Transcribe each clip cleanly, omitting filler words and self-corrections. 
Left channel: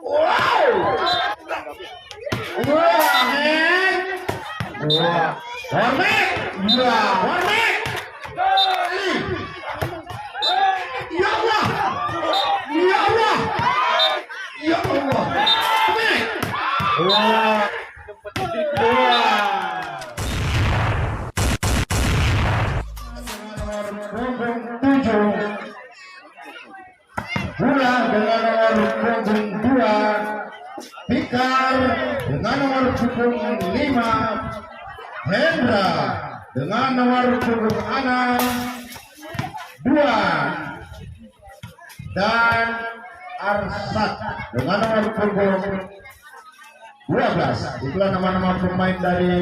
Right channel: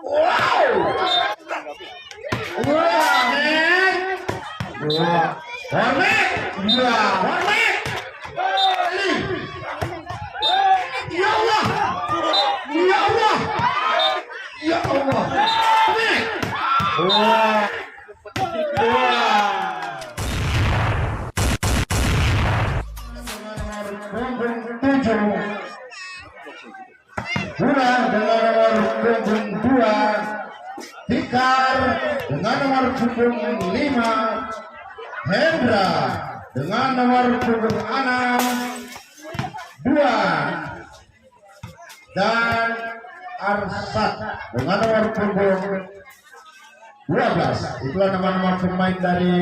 Wow. Wah, men. Wah. Hormat. Ya, hormat. Ya Allah. Ya Allah. Ya Allah. Wah. Guna dengan nomor punggung 2 Fikar dengan nomor punggung 5 Hendra dengan nomor punggung 6 Duan dan Arsat dengan nomor punggung 12. Itulah nama-nama pemain dari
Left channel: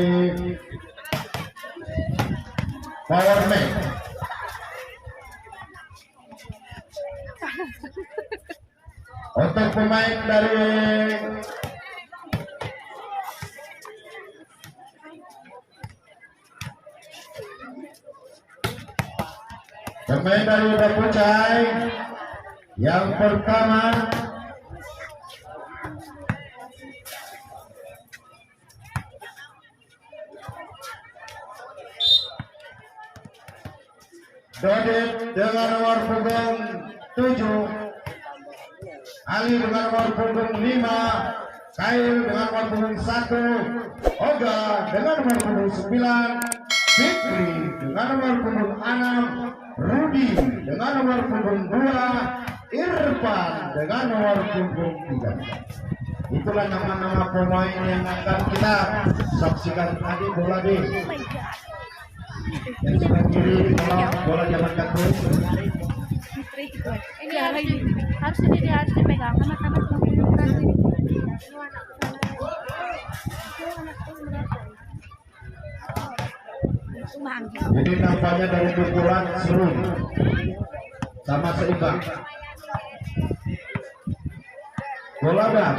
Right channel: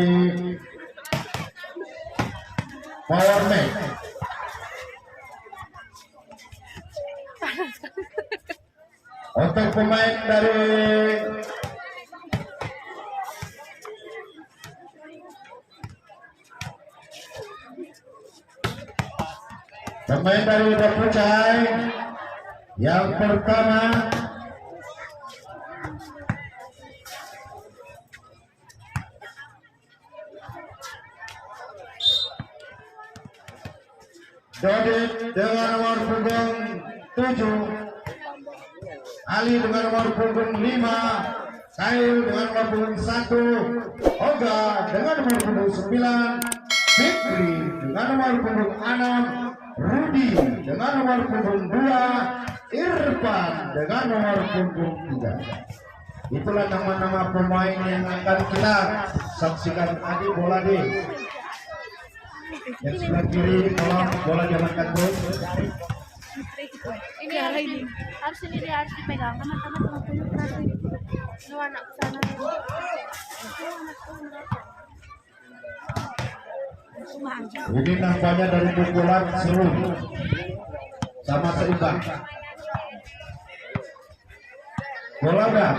Power Man. Untuk pemain dari Dapucai yang pertama Dodit dengan nomor punggung 7, Ali dengan nomor punggung 5, Kail dengan nomor punggung 1, Oga dengan nomor punggung 9, Fikri dengan nomor punggung 6, Rudi dengan nomor punggung 2, Irfan dengan nomor punggung 3. Itulah nama-nama pemain yang akan kita saksikan tadi bola B. Yang sebelah kiri tolong bola diamankan terus. Ini harus dipegang sama anak sana. Ini nampaknya dari pukulan seru sama seimbang. Bola enggak?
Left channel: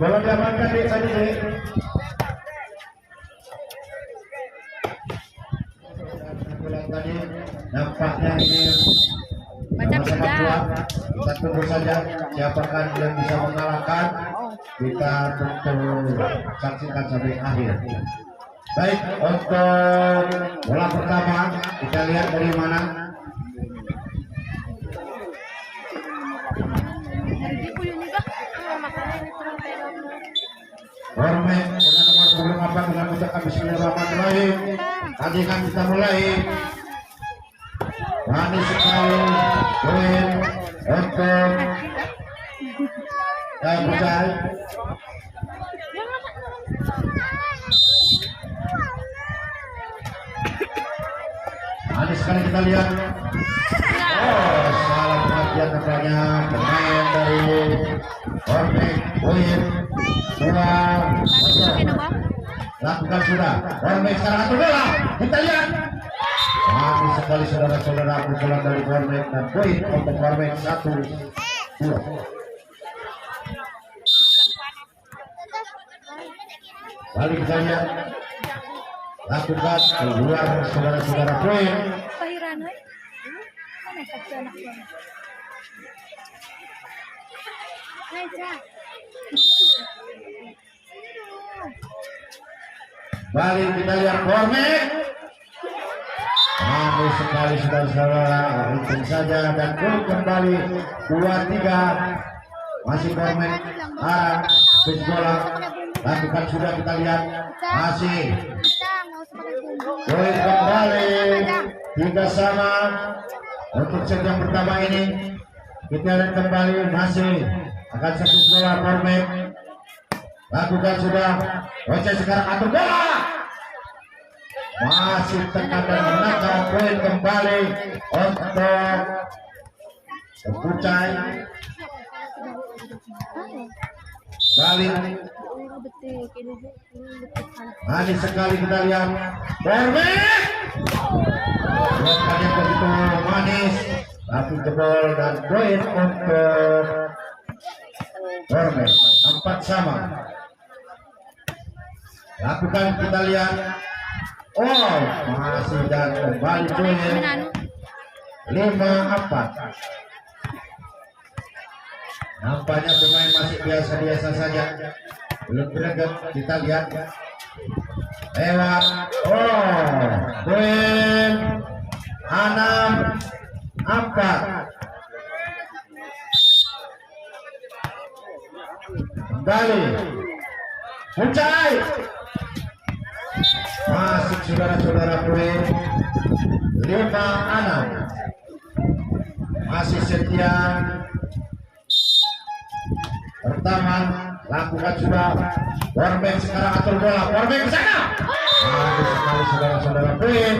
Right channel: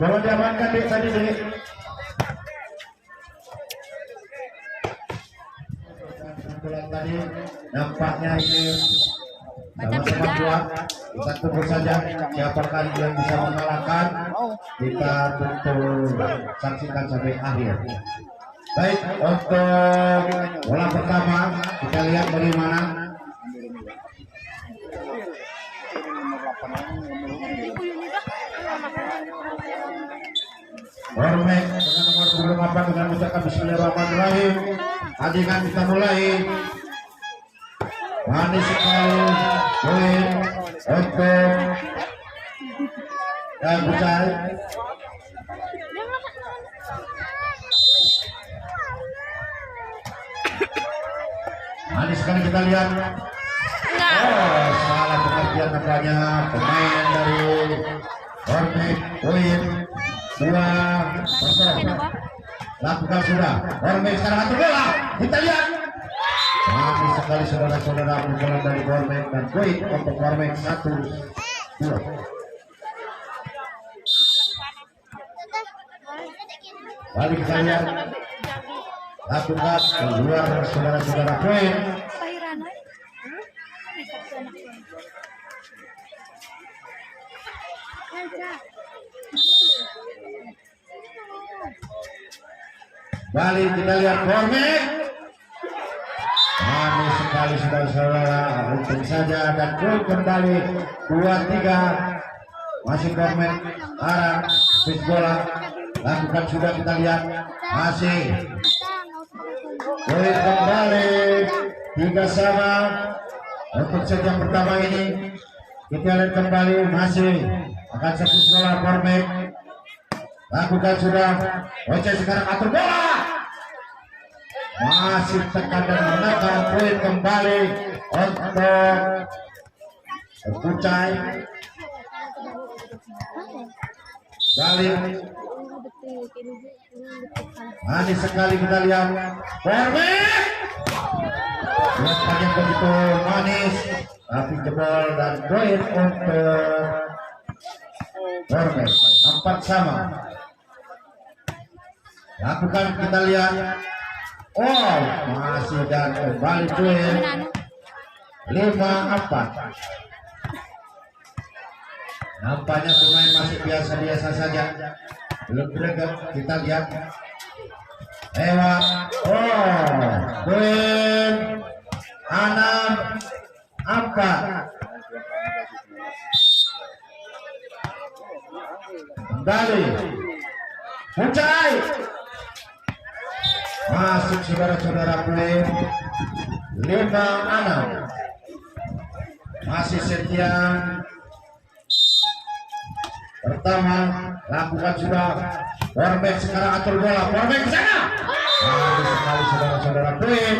Bola diamankan di tadi. Tadi nampaknya ini sama-sama kuat. Kita tunggu saja siapakah yang bisa mengalahkan. Kita tunggu saksikan sampai akhir. Baik, untuk bola pertama kita lihat bagaimana. Hormat dengan nomor 28 dengan ucapan bismillahirrahmanirrahim. Tandingan kita mulai. Manis sekali poin untuk Dapucai. Manis sekali kita lihat. Oh, salah pengertian nampaknya pemain dari Hormat poin 2-0. Lakukan sudah. Hormat sekarang satu bola. Kita lihat. Manis sekali saudara-saudara pukulan dari Hormat dan poin untuk Hormat 1-2. Balik kita lihat. Lakukan keluar saudara-saudara poin. Balik kita lihat Hormat. Manis sekali saudara-saudara, untung saja dan gol kembali 2-3. Masih Hormat arah bis bola. Lakukan sudah kita lihat. Masih gol kembali 3-sama untuk set yang pertama ini. Kita lihat kembali masih akan satu bola Hormat. Lakukan sudah. Oce sekarang atur bola. Masih tekan dan menakar poin kembali untuk Dapucai. Balik. Manis sekali kita lihat. Hormat. Buatnya begitu manis. Tapi jebol dan poin untuk Hormat. 4-sama. Lakukan kita lihat. Oh, masih dan kembali poin 5-4. Nampaknya pemain masih biasa-biasa saja, belum greget. Kita lihat lewat, poin 6-4. Kembali Ucai masuk saudara-saudara, poin 5-6. Masih Setian pertama lakukan sudah. Warbeck sekarang atur bola, Warbeck ke sana. Bagus sekali saudara-saudara, poin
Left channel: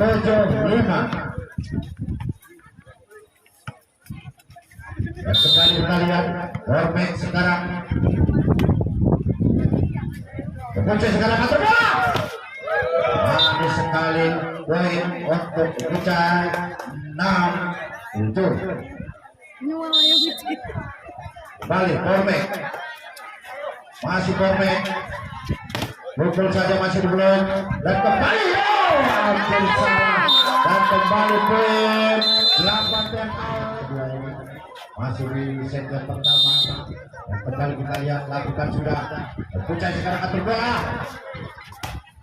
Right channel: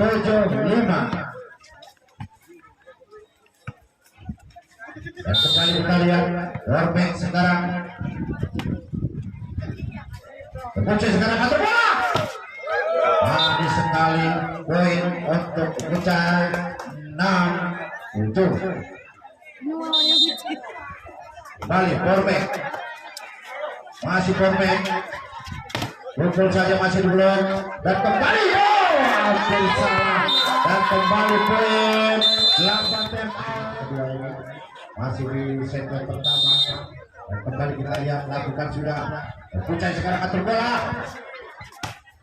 7-5. Dan kembali kita lihat Warbeck sekarang. Kunci sekarang atur bola. Bagus sekali, poin untuk Ucai 6-7. Kembali Warbeck. Masih Warbeck. Pukul saja masih belum. Dan kembali hampir salah. Dan kembali poin 8-6. Masih di set yang pertama. Dan kembali kita lihat lakukan sudah. Puncak sekarang atur bola.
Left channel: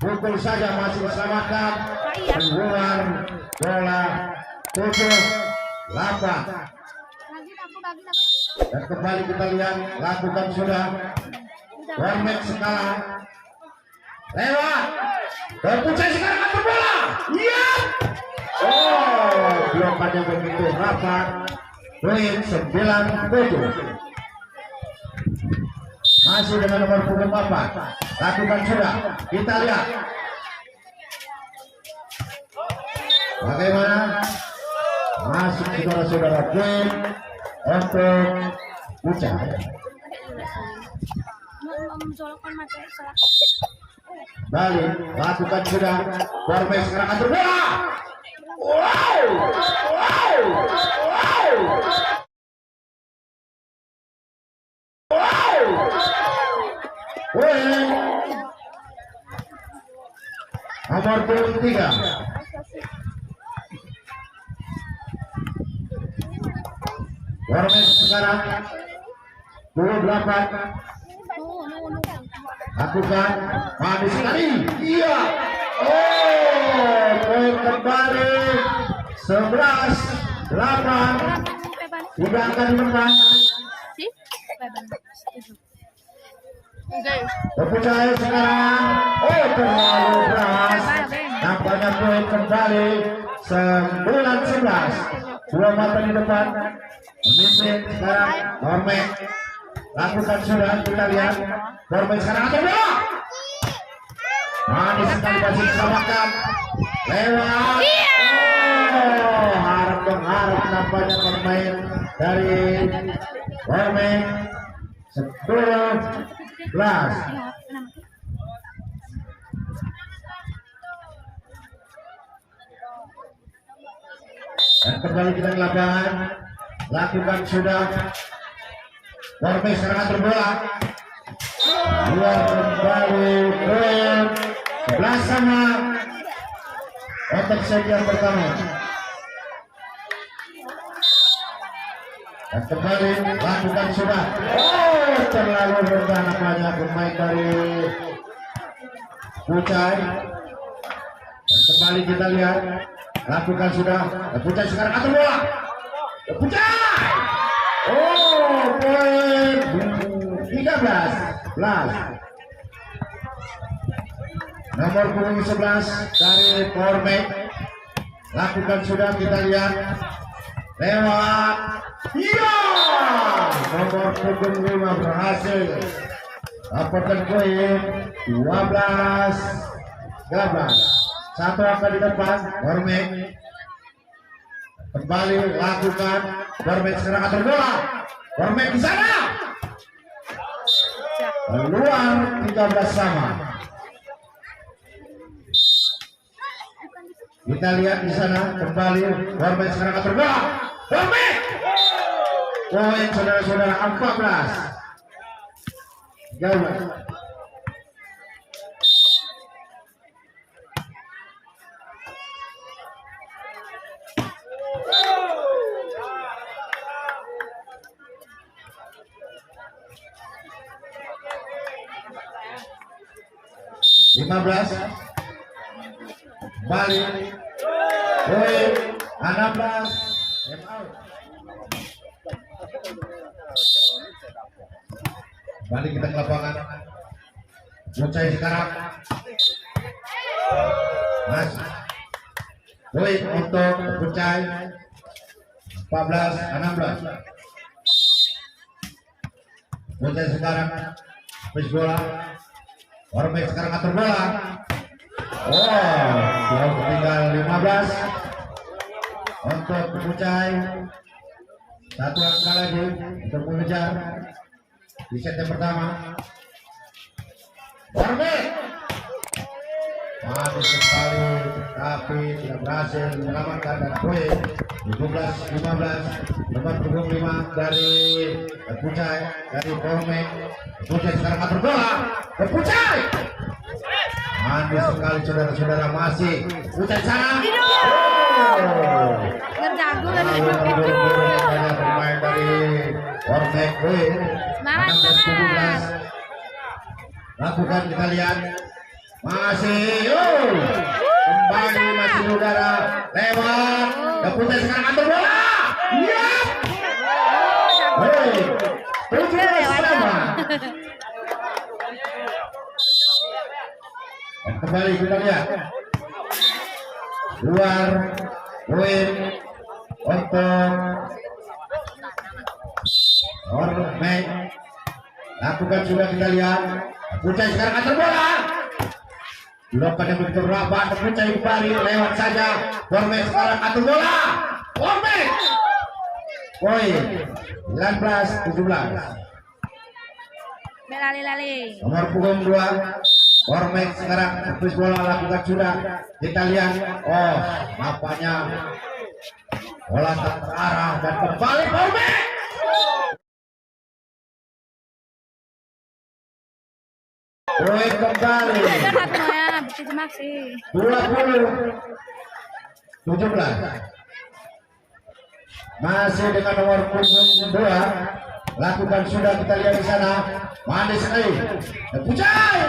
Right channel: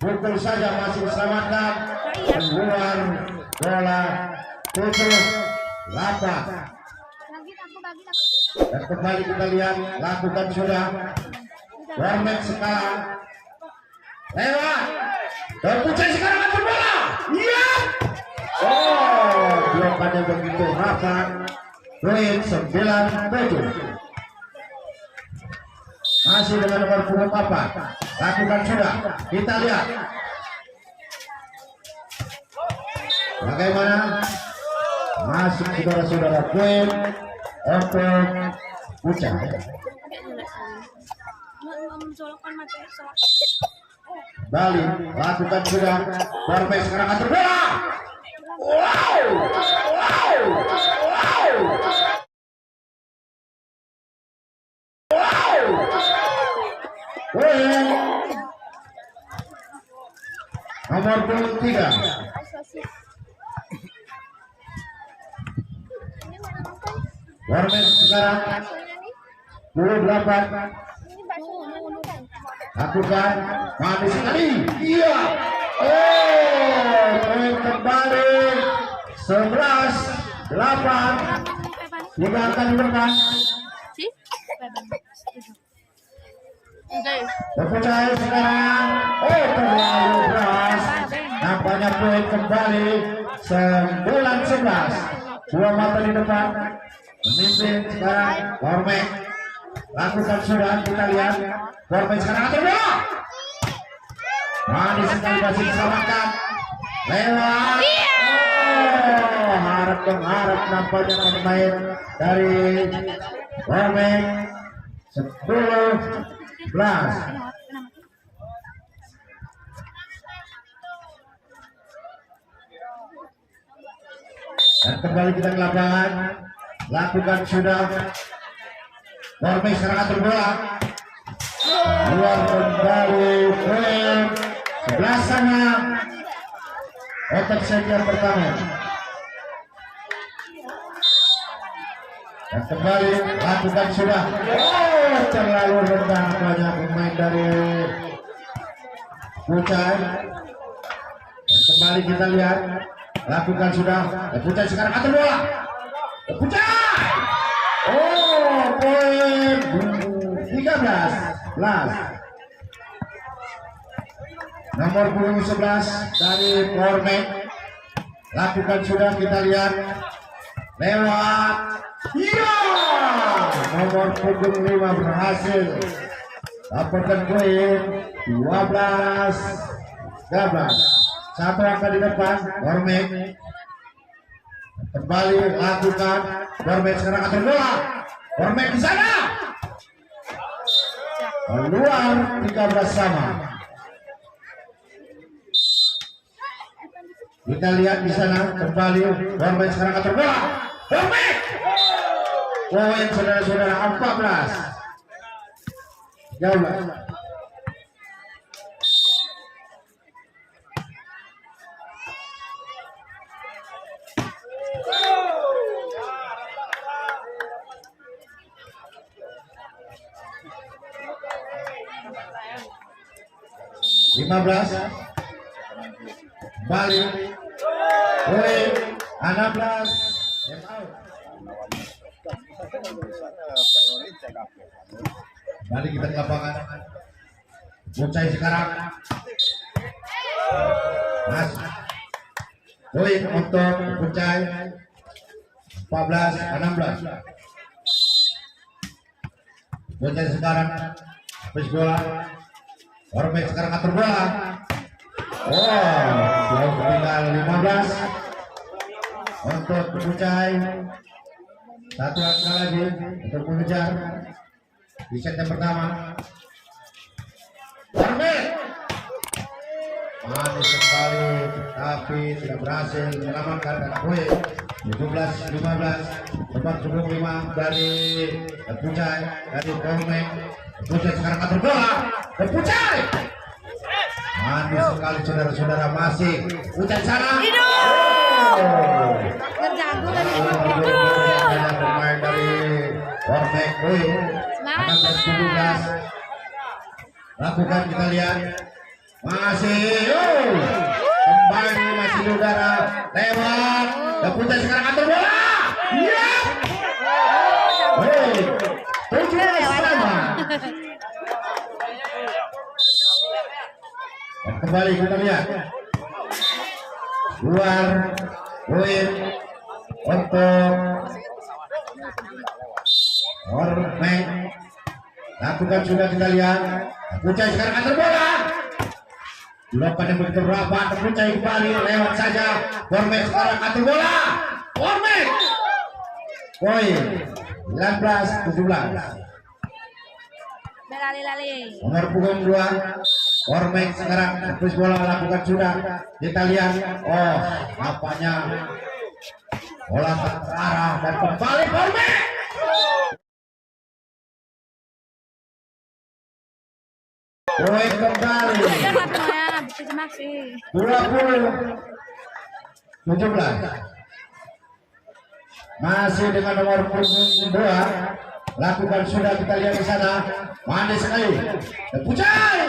Pukul saja masih diselamatkan. Keluar bola 7-8. Dan kembali kita lihat lakukan sudah. Warbeck sekarang lewat. Dan Pucai sekarang atur bola. Iya. Belum pada begitu rapat. Poin 9-7. Masih dengan nomor punggung 4. Lakukan sudah. Kita lihat bagaimana masuk saudara-saudara, poin untuk Pucai. Balik, lakukan sudah. Warbeck sekarang atur bola. Poin nomor 23. Warbeck sekarang 28. Lakukan manis sekali. Iya. Poin kembali 11-8. Tidak akan dimenang. Pucai sekarang. Terlalu keras. Nampaknya poin kembali 9-11. 2 mata di depan. Memimpin sekarang Warbeck. Lakukan sudah, kita lihat Warbeck sekarang atur bola. Manis sekali, masih diselamatkan. Lewat. Harap mengharap nampaknya pemain dari Warbeck. 10-11. Dan kembali kita ke lapangan. Lakukan sudah. Warbeck sekarang atur bola. Luar kembali, poin 11-sama. Otak set yang pertama. Dan kembali lakukan sudah. Terlalu rendah banyak pemain dari Pucai. Dan kembali kita lihat lakukan sudah. Pucai sekarang atur bola. Pucai. Poin 13-11. Nomor punggung 11 dari Warbeck. Lakukan sudah, kita lihat lewat. Iya. Nomor punggung 5 berhasil. Laporkan poin 12-13. Satu angka di depan Warbeck. Kembali lakukan. Warbeck sekarang atur bola. Warbeck di sana. Keluar 13 sama. Kita lihat di sana kembali Warbeck sekarang atur bola. Warbeck. Poin saudara-saudara 14-13. 15 balik poin 16 time out. Balik kita ke lapangan. Bocah sekarang Mas poin untuk Bocah 14-16. Bocah sekarang habis bola. Ormet sekarang atur bola. Oh, jauh tinggal 15 untuk Bocah. Satu angka lagi untuk mengejar di set yang pertama. Ormet bagus sekali, tapi tidak berhasil mengamankan dan poin 17-15. Nomor punggung 5 dari Pucai dari Ormet. Pucai sekarang atur bola. Pucai manis sekali saudara-saudara, masih Pucai sana. Bermain dari Ormet. 16-17. Lakukan, kita lihat masih kembali masih udara lewat dan Pucai sekarang atur bola. Iya. 17-5. Dan kembali kita lihat luar poin untuk Ormet. Lakukan juga, kita lihat Pucai sekarang atur bola. Dilakukan yang begitu rapat, Pucai kembali lewat saja. Ormet sekarang atur bola. Ormet poin 19-17. Lali. Nomor punggung 2 Ormet sekarang habis bola, lakukan sudah, kita lihat. Oh, nampaknya bola tak terarah dan kembali Ormet. Poin kembali 20-17. Masih dengan nomor punggung 2. Lakukan sudah, kita lihat di sana. Manis sekali. Dan Pucai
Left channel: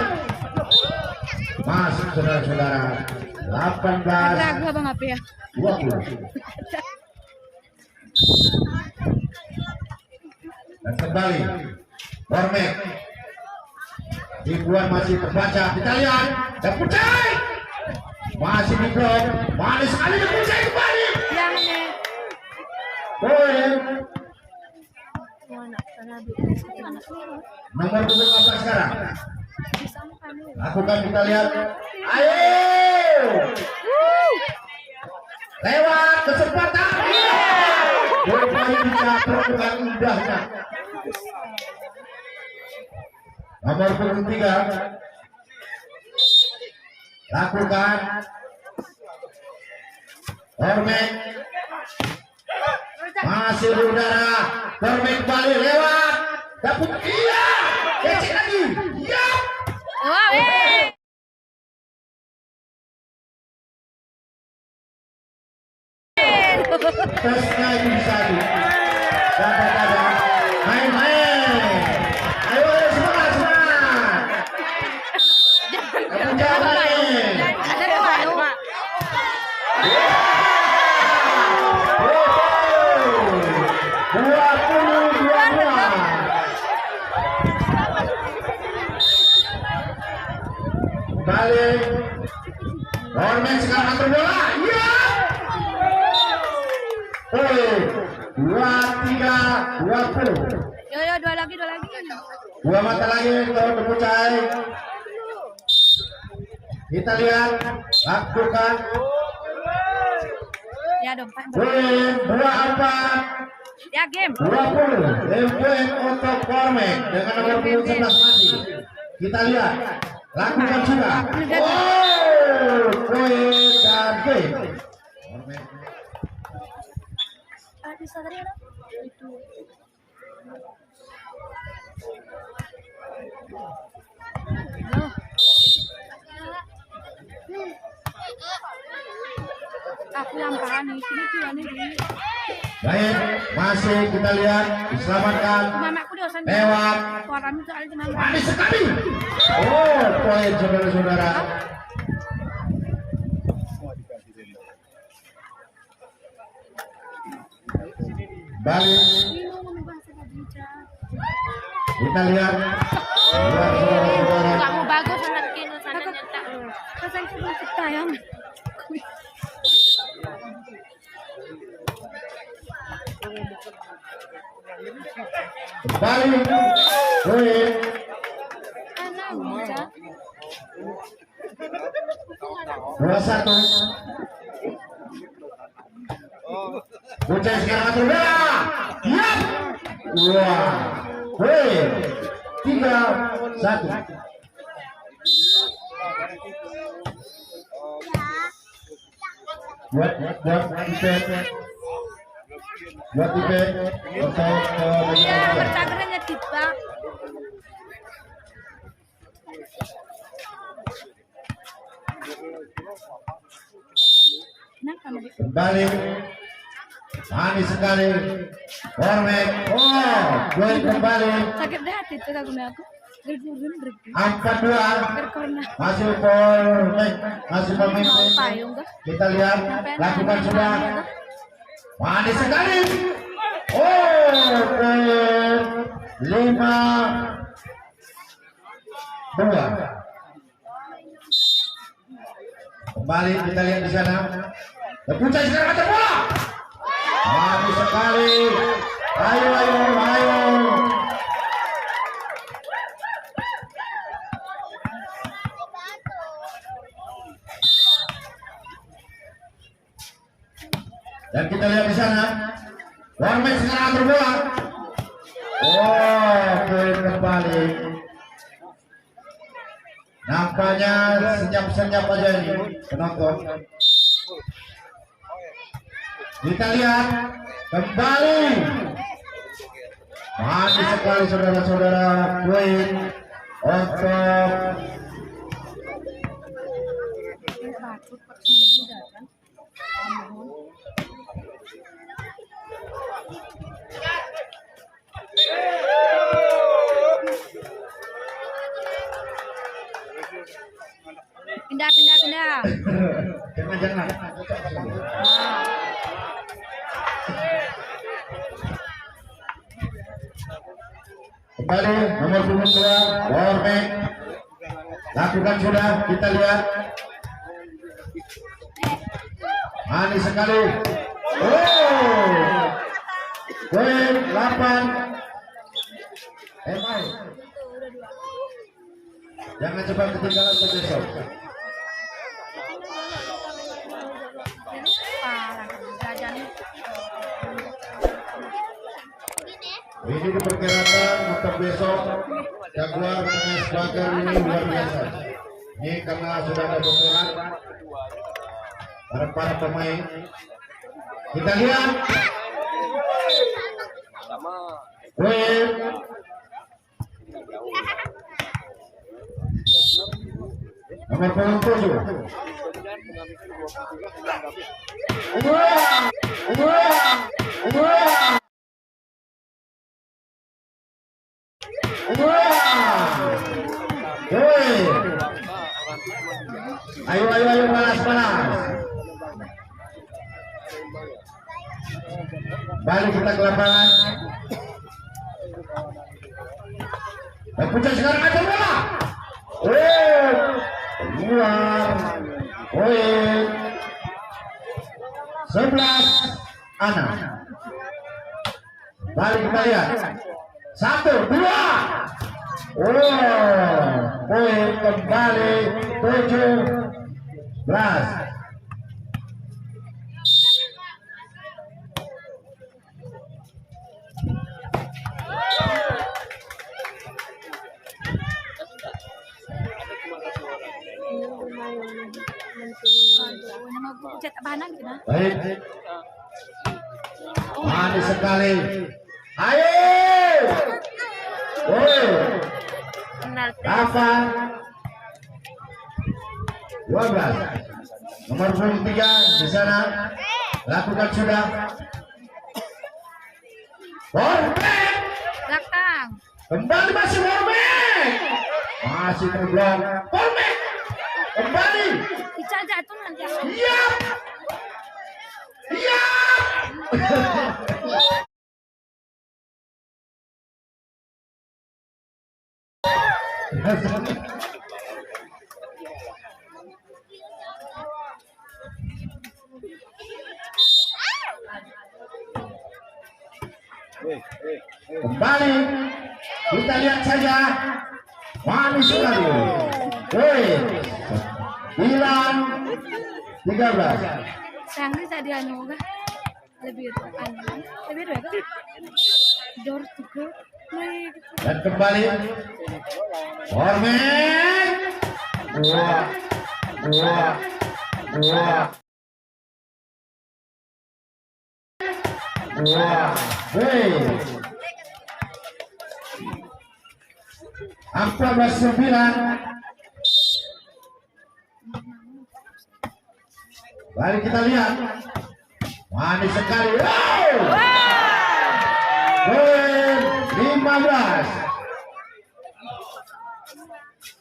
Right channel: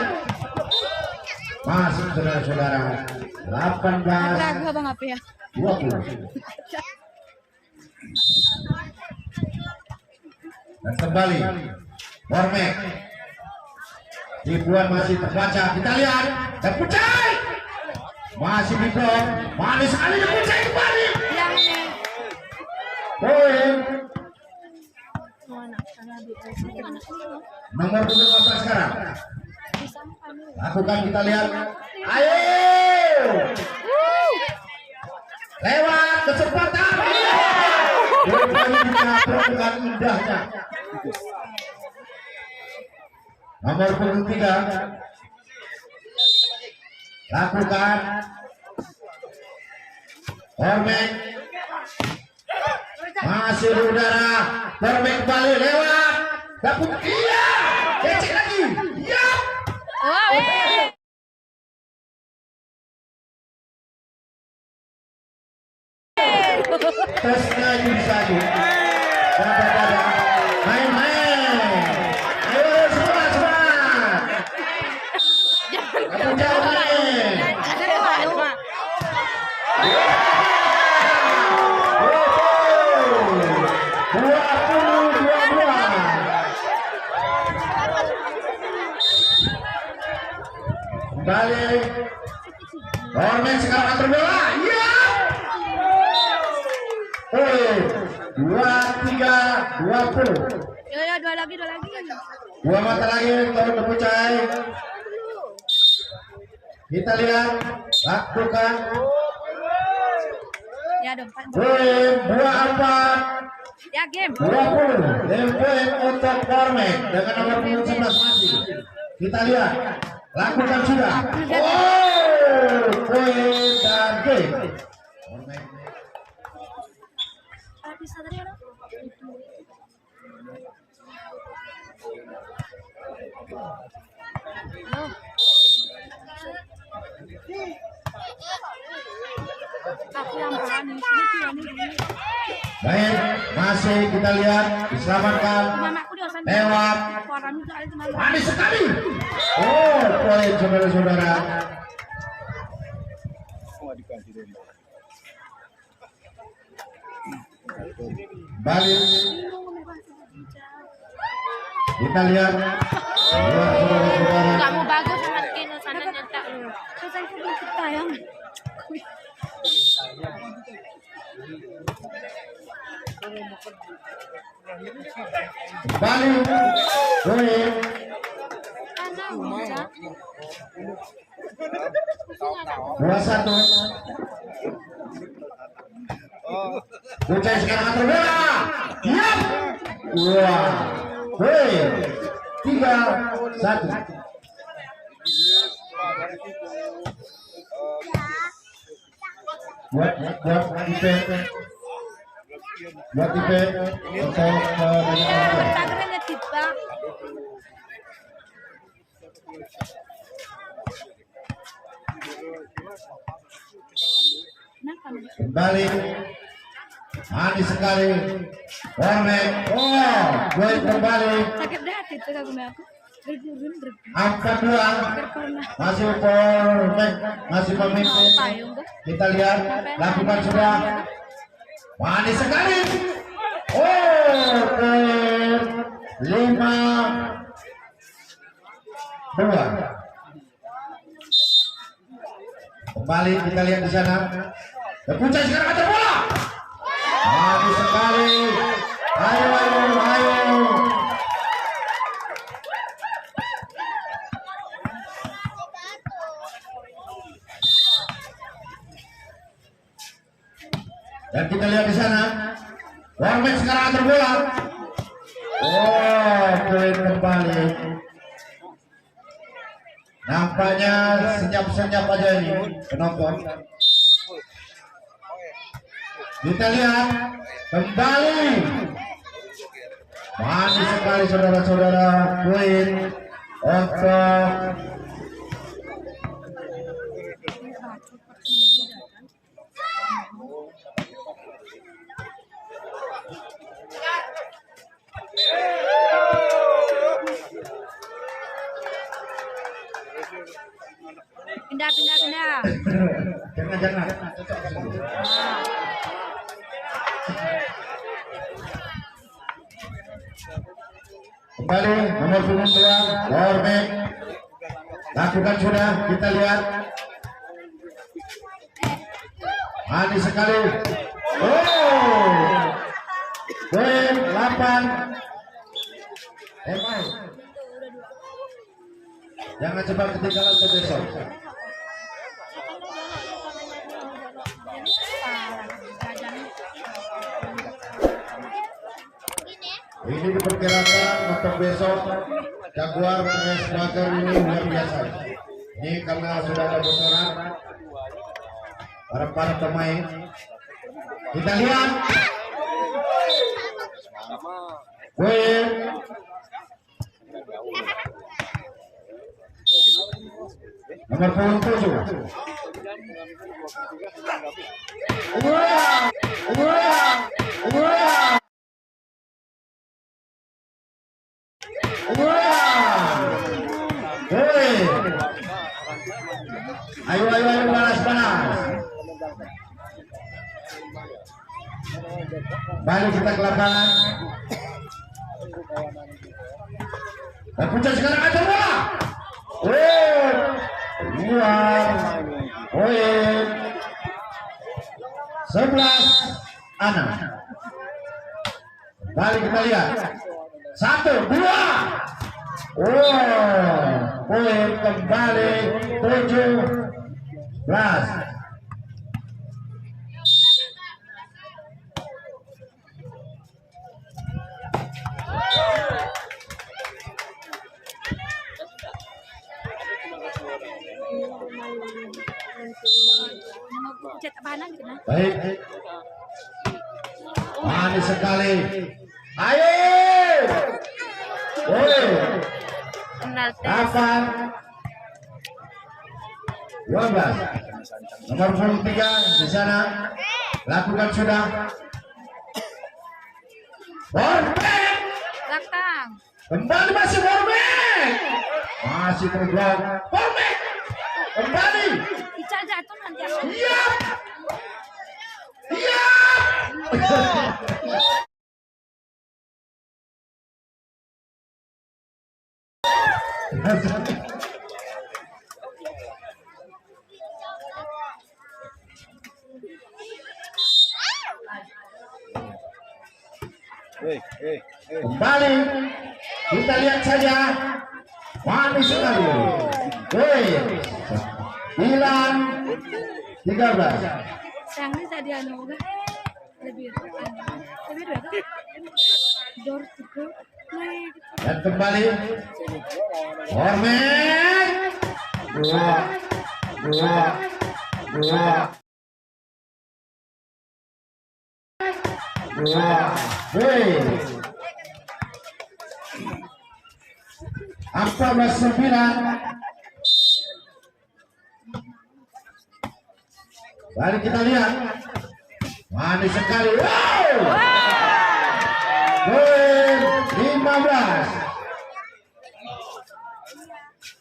masuk saudara-saudara. 18-20. Dan kembali Ormet. Ribuan masih terbaca, kita lihat. Dan Pucai masih di blok. Manis sekali dan Pucai kembali. Poin. Nomor 14 sekarang. Lakukan, kita lihat. Ayo. Lewat kesempatan. Kembali dengan indahnya. Nomor 3. Lakukan. Ormet masih udara. Ormet kembali lewat. Dapat, iya. Kecil lagi. Iya. Tesnya ini satu. Dapat. Main. Ayo semangat. Balik. Ormet sekarang atur bola. Iya. 23-20. Yo, dua lagi. Dua mata lagi untuk Pucai. Kita lihat, lakukan. Ya dong, Poin 24. Ya game. 20. Poin untuk Ormet dengan nomor punggung 11 masih. Kita lihat, lakukan sudah. Oh, poin dan game. Ormet. Bisa tadi ada? Aku yang paling di sini. Baik, masih kita lihat diselamatkan. Mamaku dosen. Lewat. Orang soal cuma Manis sekali. Oh, poin saudara-saudara. Balik. Kita lihat. Saudara-saudara. Kamu bagus sama Kino sana nyetak. Pesan sebelum kita yang Balik. Poin. Dua satu. Bocah sekarang akan bola. Ya. Wah. Poin. 3-1. Buat IP untuk Santrinya tiba. kembali manis sekali Hornet. Oh, gol kembali Sakit dah hati itu aku. 4-2. Karena Masih Hornet, masih memimpin. payung kah? Kita lihat lakukan sudah manis sekali. Oh, 5-2. Kembali kita lihat di sana. Puncak sekarang ada bola. Manis sekali. Ayo. Dan kita lihat di sana. Warmek sekarang atur bola. Oh, poin kembali. Nampaknya senyap-senyap aja ini penonton. Kita lihat kembali. Manis sekali saudara-saudara, poin untuk Pindah. jangan. Kembali nomor punggung 2 Warmek. Lakukan sudah, kita lihat. Manis sekali. Oh, poin 8. Jangan cepat ketinggalan untuk besok. Ini diperkirakan untuk besok Jaguar sebagai ini luar biasa. Ini karena sudah ada bocoran para pemain. Kita lihat. Poin nomor punggung 7. Ayo balas. Balik kita ke lapangan. Dan puncak sekarang ada bola. Luar. Poin 11-6. Balik kita lihat. 1-2. Poin kembali 17. Baik. Manis sekali. Ayo. Kapan? 12. Nomor punggung 3 di sana. lakukan sudah. Borbek Belakang. kembali masih Borbek, masih terblok. Borbek kembali. Ica jatuh nanti. Iya. Iya. Kembali kita lihat saja manis sekali. Hilang 13. Sayang ini tadi anu kan lebih berapa? Door to go. Dan kembali Hormet dua. Apa 9. Mari kita lihat manis sekali. Wow. 15.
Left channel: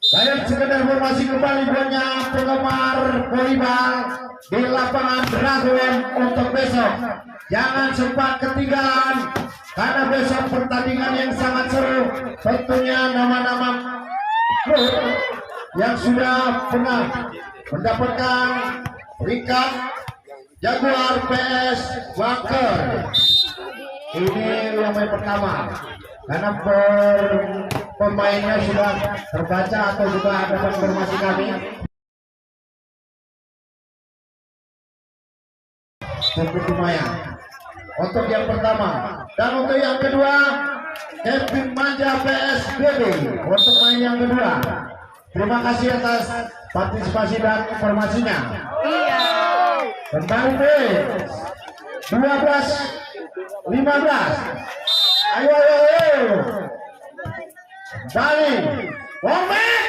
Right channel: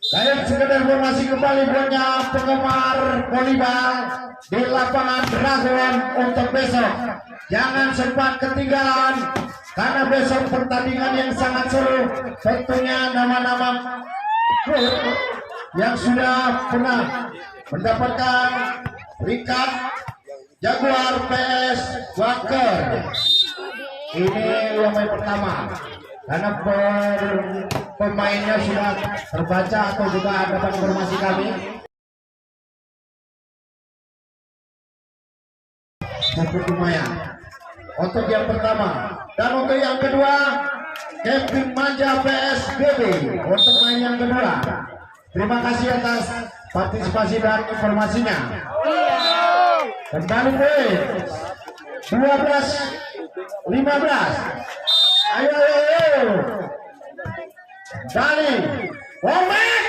Saya sekedar informasi kembali banyak penggemar volleyball di lapangan Dragon untuk besok. Jangan sempat ketinggalan karena besok pertandingan yang sangat seru. Tentunya nama-nama klub yang sudah pernah mendapatkan peringkat Jaguar PS Waker. Ini yang pertama karena pemainnya sudah terbaca atau juga dapat informasi kami. Cukup lumayan untuk yang pertama, dan untuk yang kedua Kevin Manja PSBD untuk main yang kedua. Terima kasih atas partisipasi dan informasinya. Kembali poin 12-15. Ayo. Kembali Hormet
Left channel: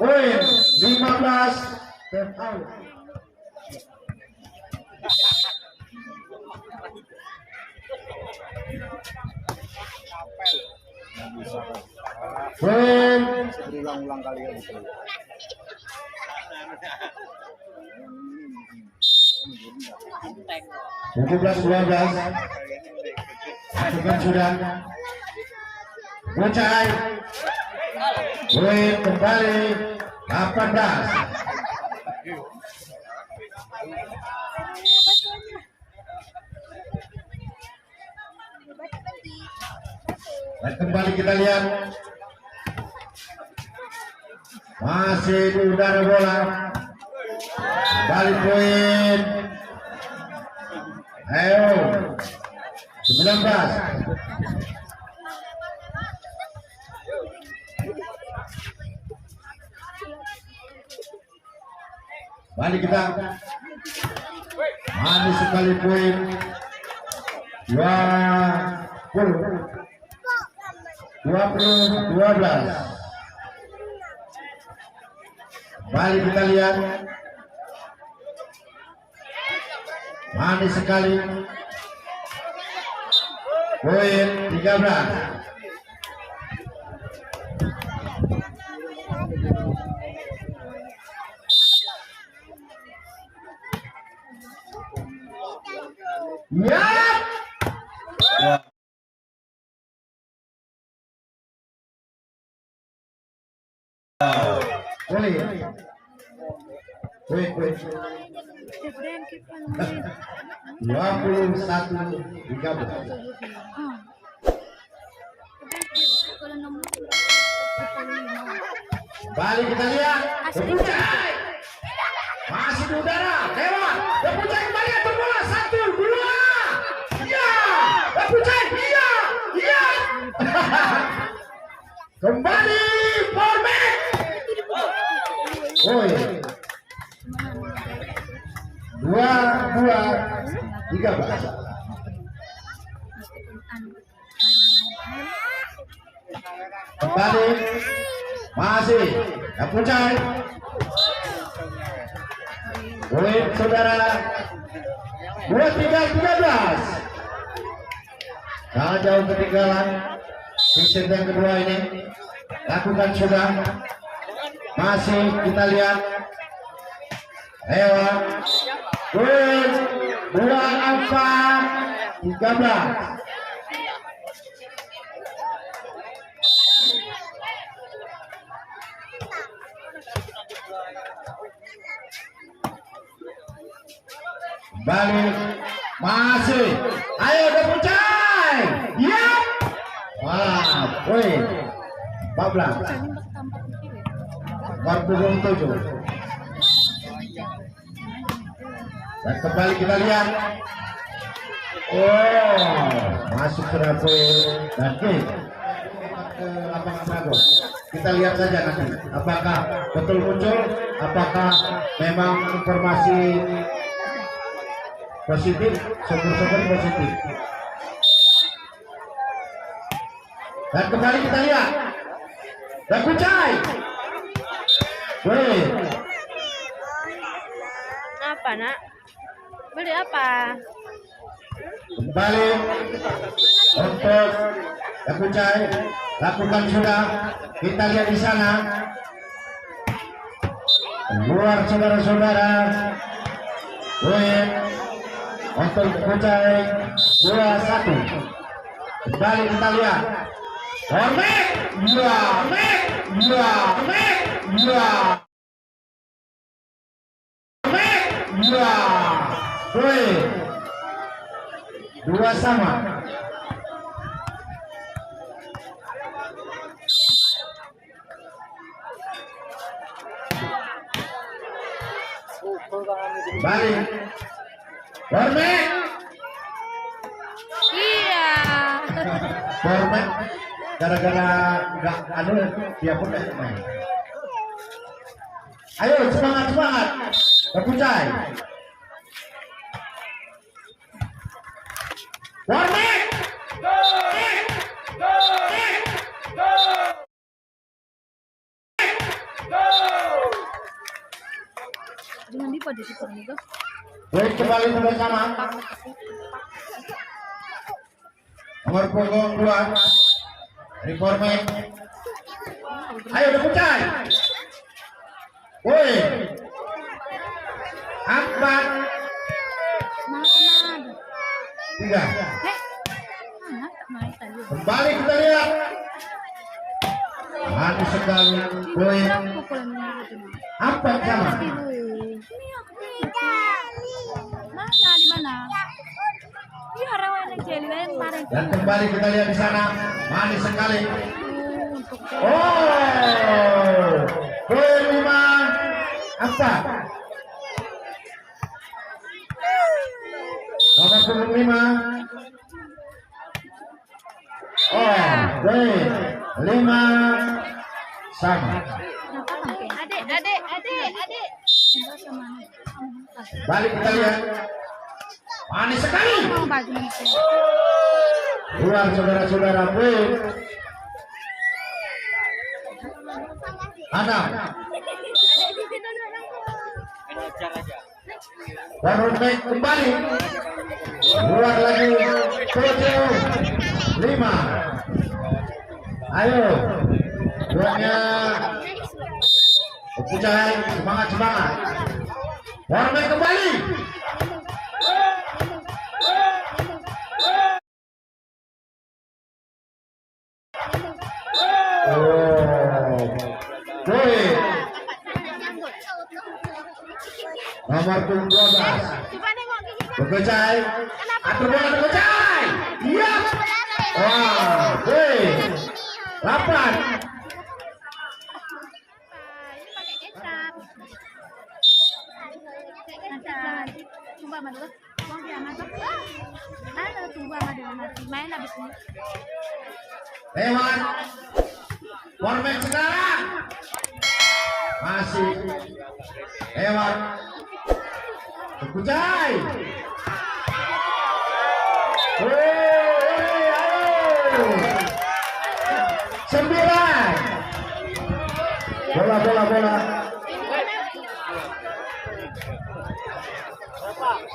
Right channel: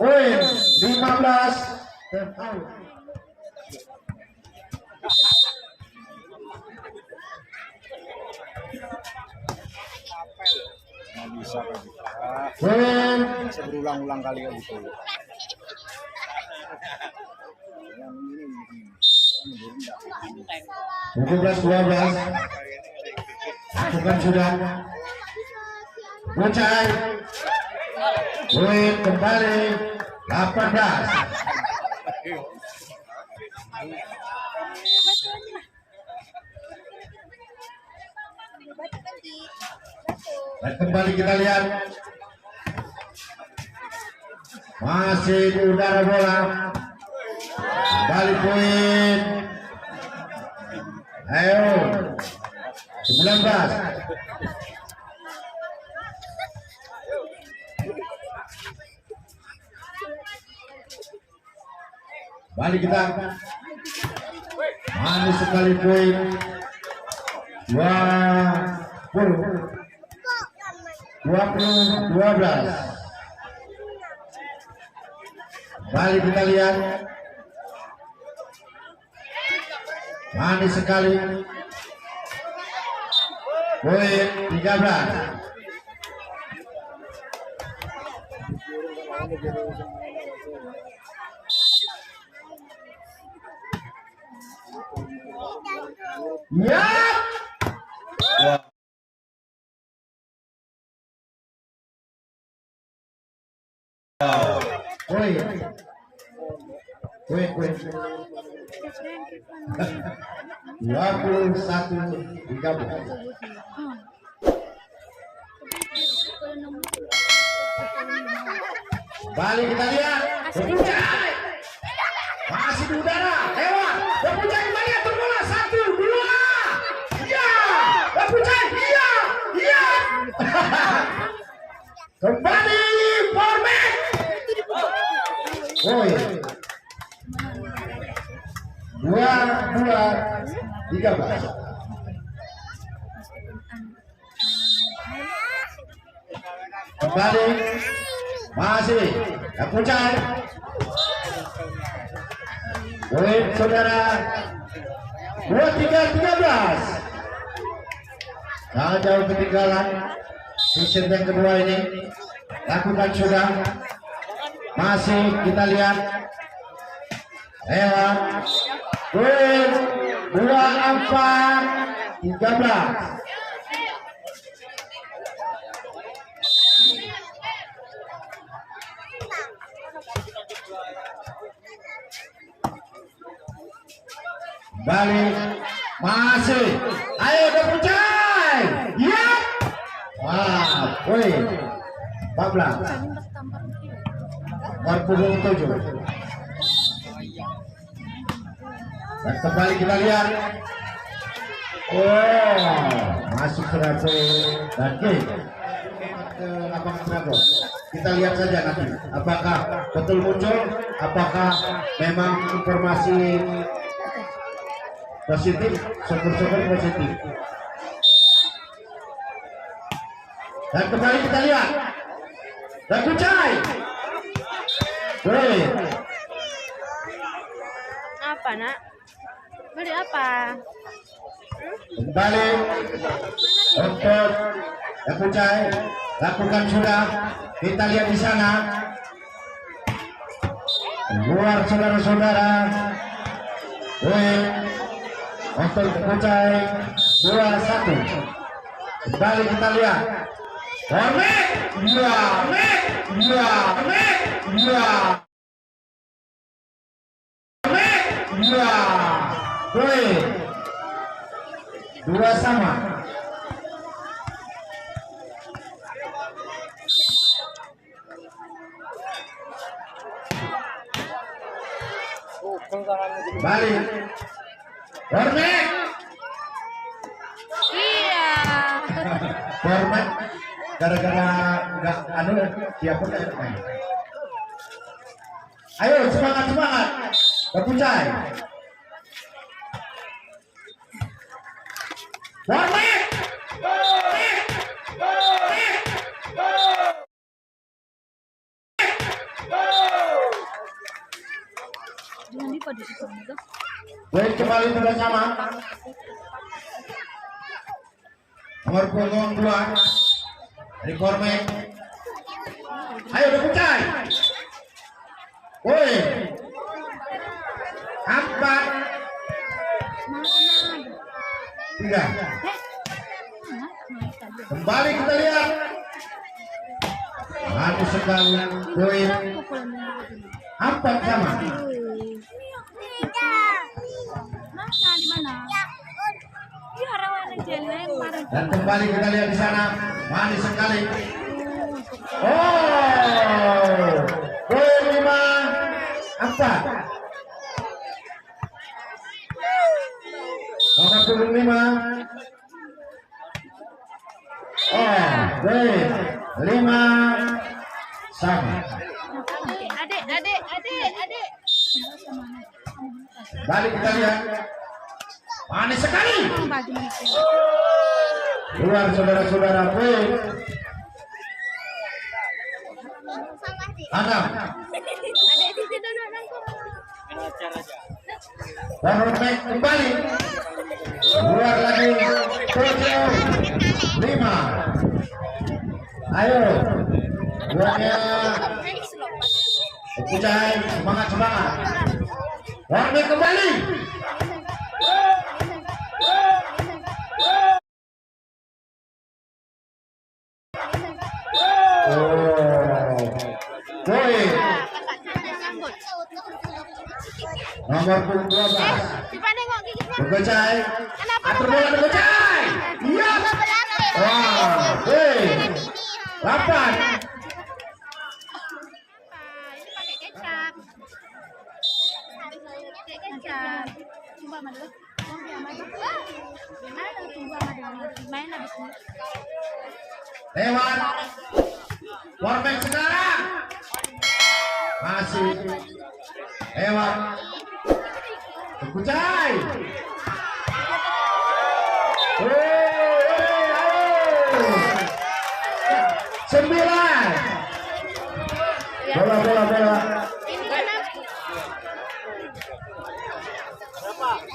poin 15. Poin berulang-ulang kali ya gitu. 12-12. Lakukan sudah. Bucai. Poin kembali 18. Dan kembali kita lihat masih di udara bola. Kembali poin. Ayo 19. Balik kita. Manis sekali poin 20-12. Balik kita lihat. Manis sekali poin 13. Ya. Poin 21-13. Balik kita lihat. Berpucai. Masih di udara. Lewat. Berpucai kembali ke bola. 1, 2. Ya. Berpucai. Iya. Iya. Kembali Hormet. Woi. 22-13. Kembali masih Berpucai. Poin saudara 23-13. Jangan jauh ketinggalan. Sisi yang kedua ini lakukan sudah. Masih kita lihat. Lewat. Gol 24-13. Balik masih, ayo Dapucai, ya, wah, woi, 14, Marpugong 7, dan kembali kita lihat, oh, masuk ke dan ke lapangan Pragos. Kita lihat saja nanti, apakah betul muncul, apakah memang informasi positif, syukur-syukur positif. Dan kembali kita lihat Dapucai. Boleh. Apa nak? Beli apa? Kembali untuk Dapucai. Lakukan sudah. Kita lihat di sana. Luar saudara-saudara. Boleh. Untuk Dapucai 2-1. Kembali kita lihat. Hormet, dua, dua sama. Balik. Hormet. Iya. Hormat gara-gara nggak anu dia pun nggak main. Ayo semangat Dapucai. Hormat. Jangan di pada situ juga. Baik, kembali sudah sama. Nomor punggung 2 Reformek. Ayo Dapucai. Woi. Akbar. Tiga. Kembali kita lihat. Manis sekali. Woi. Apa sama? Mana di mana? Ya rawan jelen kemarin. Dan kembali kita lihat di sana. Manis sekali. Oh. Woi 5. Apa? Nomor 25. Oh, baik. 5 sama. Adik. Balik kita lihat. Manis sekali. Luar saudara-saudara. Baik. Adam. Hormet kembali. Luar lagi. 7-5. Ayo. Buatnya. Dapucai, semangat. Hormet kembali. Oh. Boy. Nomor 12. Dapucai. Atur bola Dapucai. Iya. Wah, boy. 8. Lewat. Hormet sekarang. Masih. Lewat. Dapucai. Ayo. 9. Bola.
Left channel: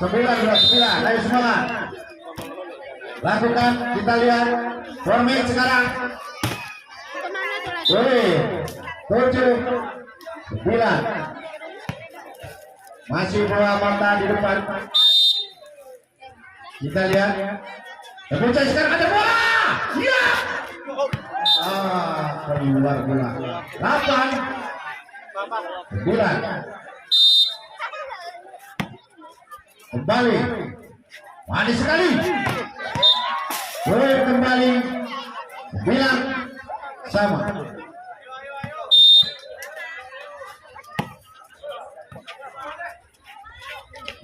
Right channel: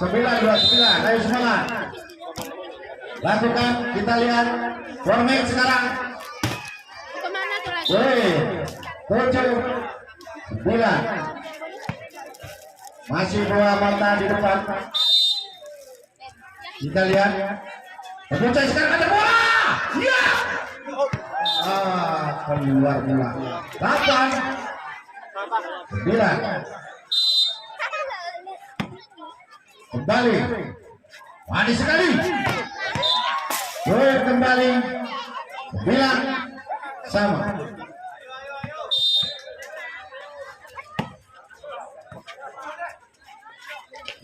9 ayo semangat. Lakukan, kita lihat format sekarang. Kemana tuh lagi? 7 9 masih dua mata di depan. Kita lihat Bocah sekarang ada bola. Iya. Keluar bola. 8 9 kembali. Manis sekali. Kembali 9 sama.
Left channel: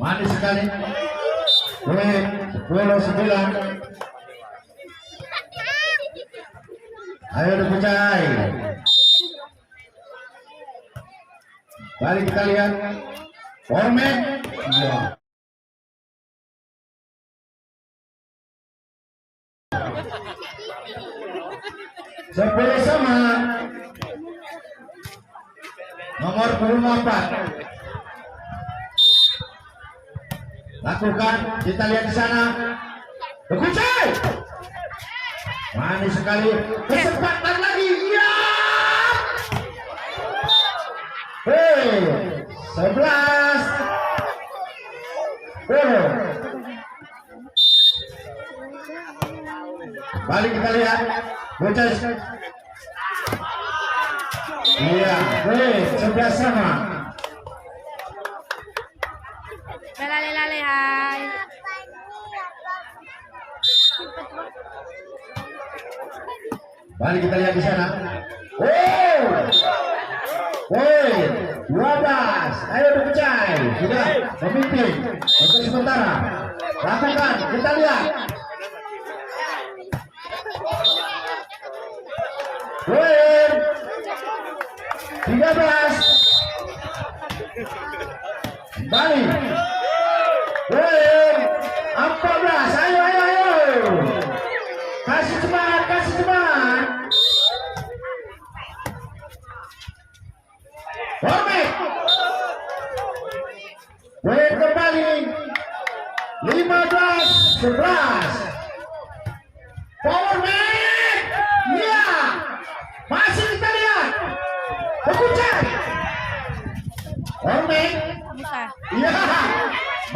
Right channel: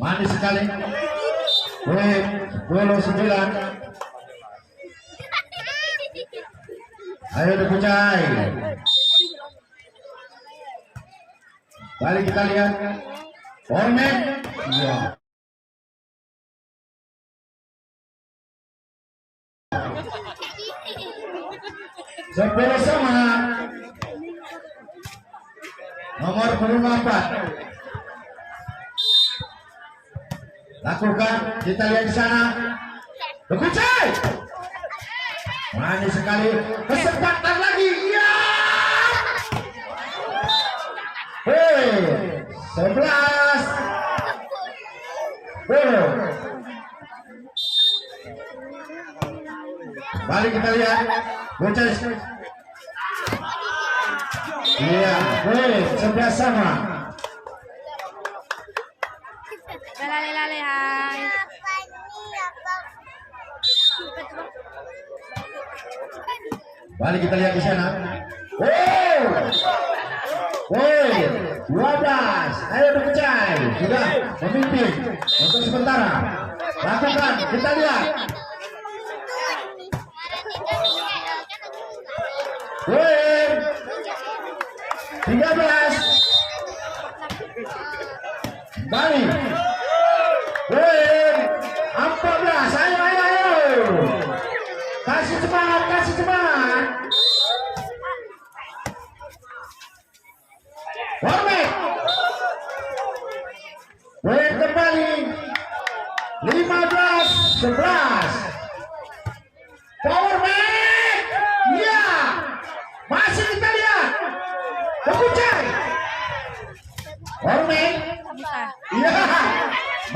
Manis sekali. 9. Ayo Bucai. Balik kita lihat. Format. Ya. Sepuluh sama. Nomor 4. Lakukan, kita lihat di sana. Bucai. Manis sekali. Kesempatan lagi. Ya. 11 10. Balik kita lihat. Bocah. Iya, 11 sama. Lale hai. Balik kita lihat di sana. 12. Ayo Bucai. Sudah memimpin untuk sementara. Lakukan, kita lihat. 13. Balik. 14. Ayo. Kasih cepat. Format. Kembali. 15 11. Power man. Ya. Masih kita lihat. Bucai. Format. Iya.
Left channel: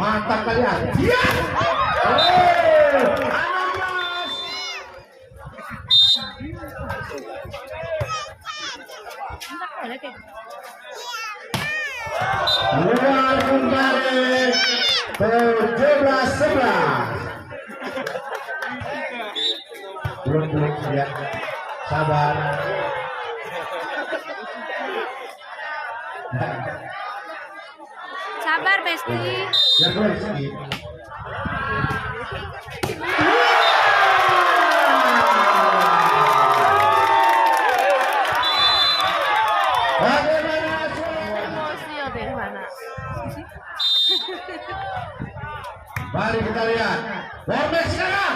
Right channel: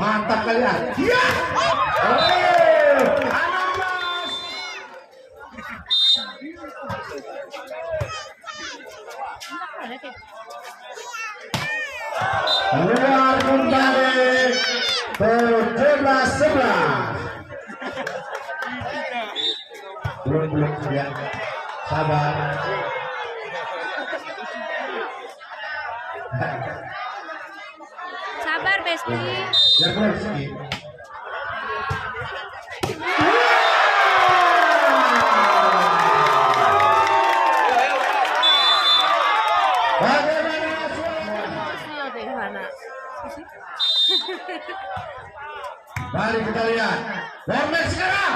Mantap kalian. Iya. 16. Luar kembali 17-11. Belum ya. Sabar. Sabar Besti. Ya Besti. Emosi ya deh mana? Mari kita lihat. Format sekarang.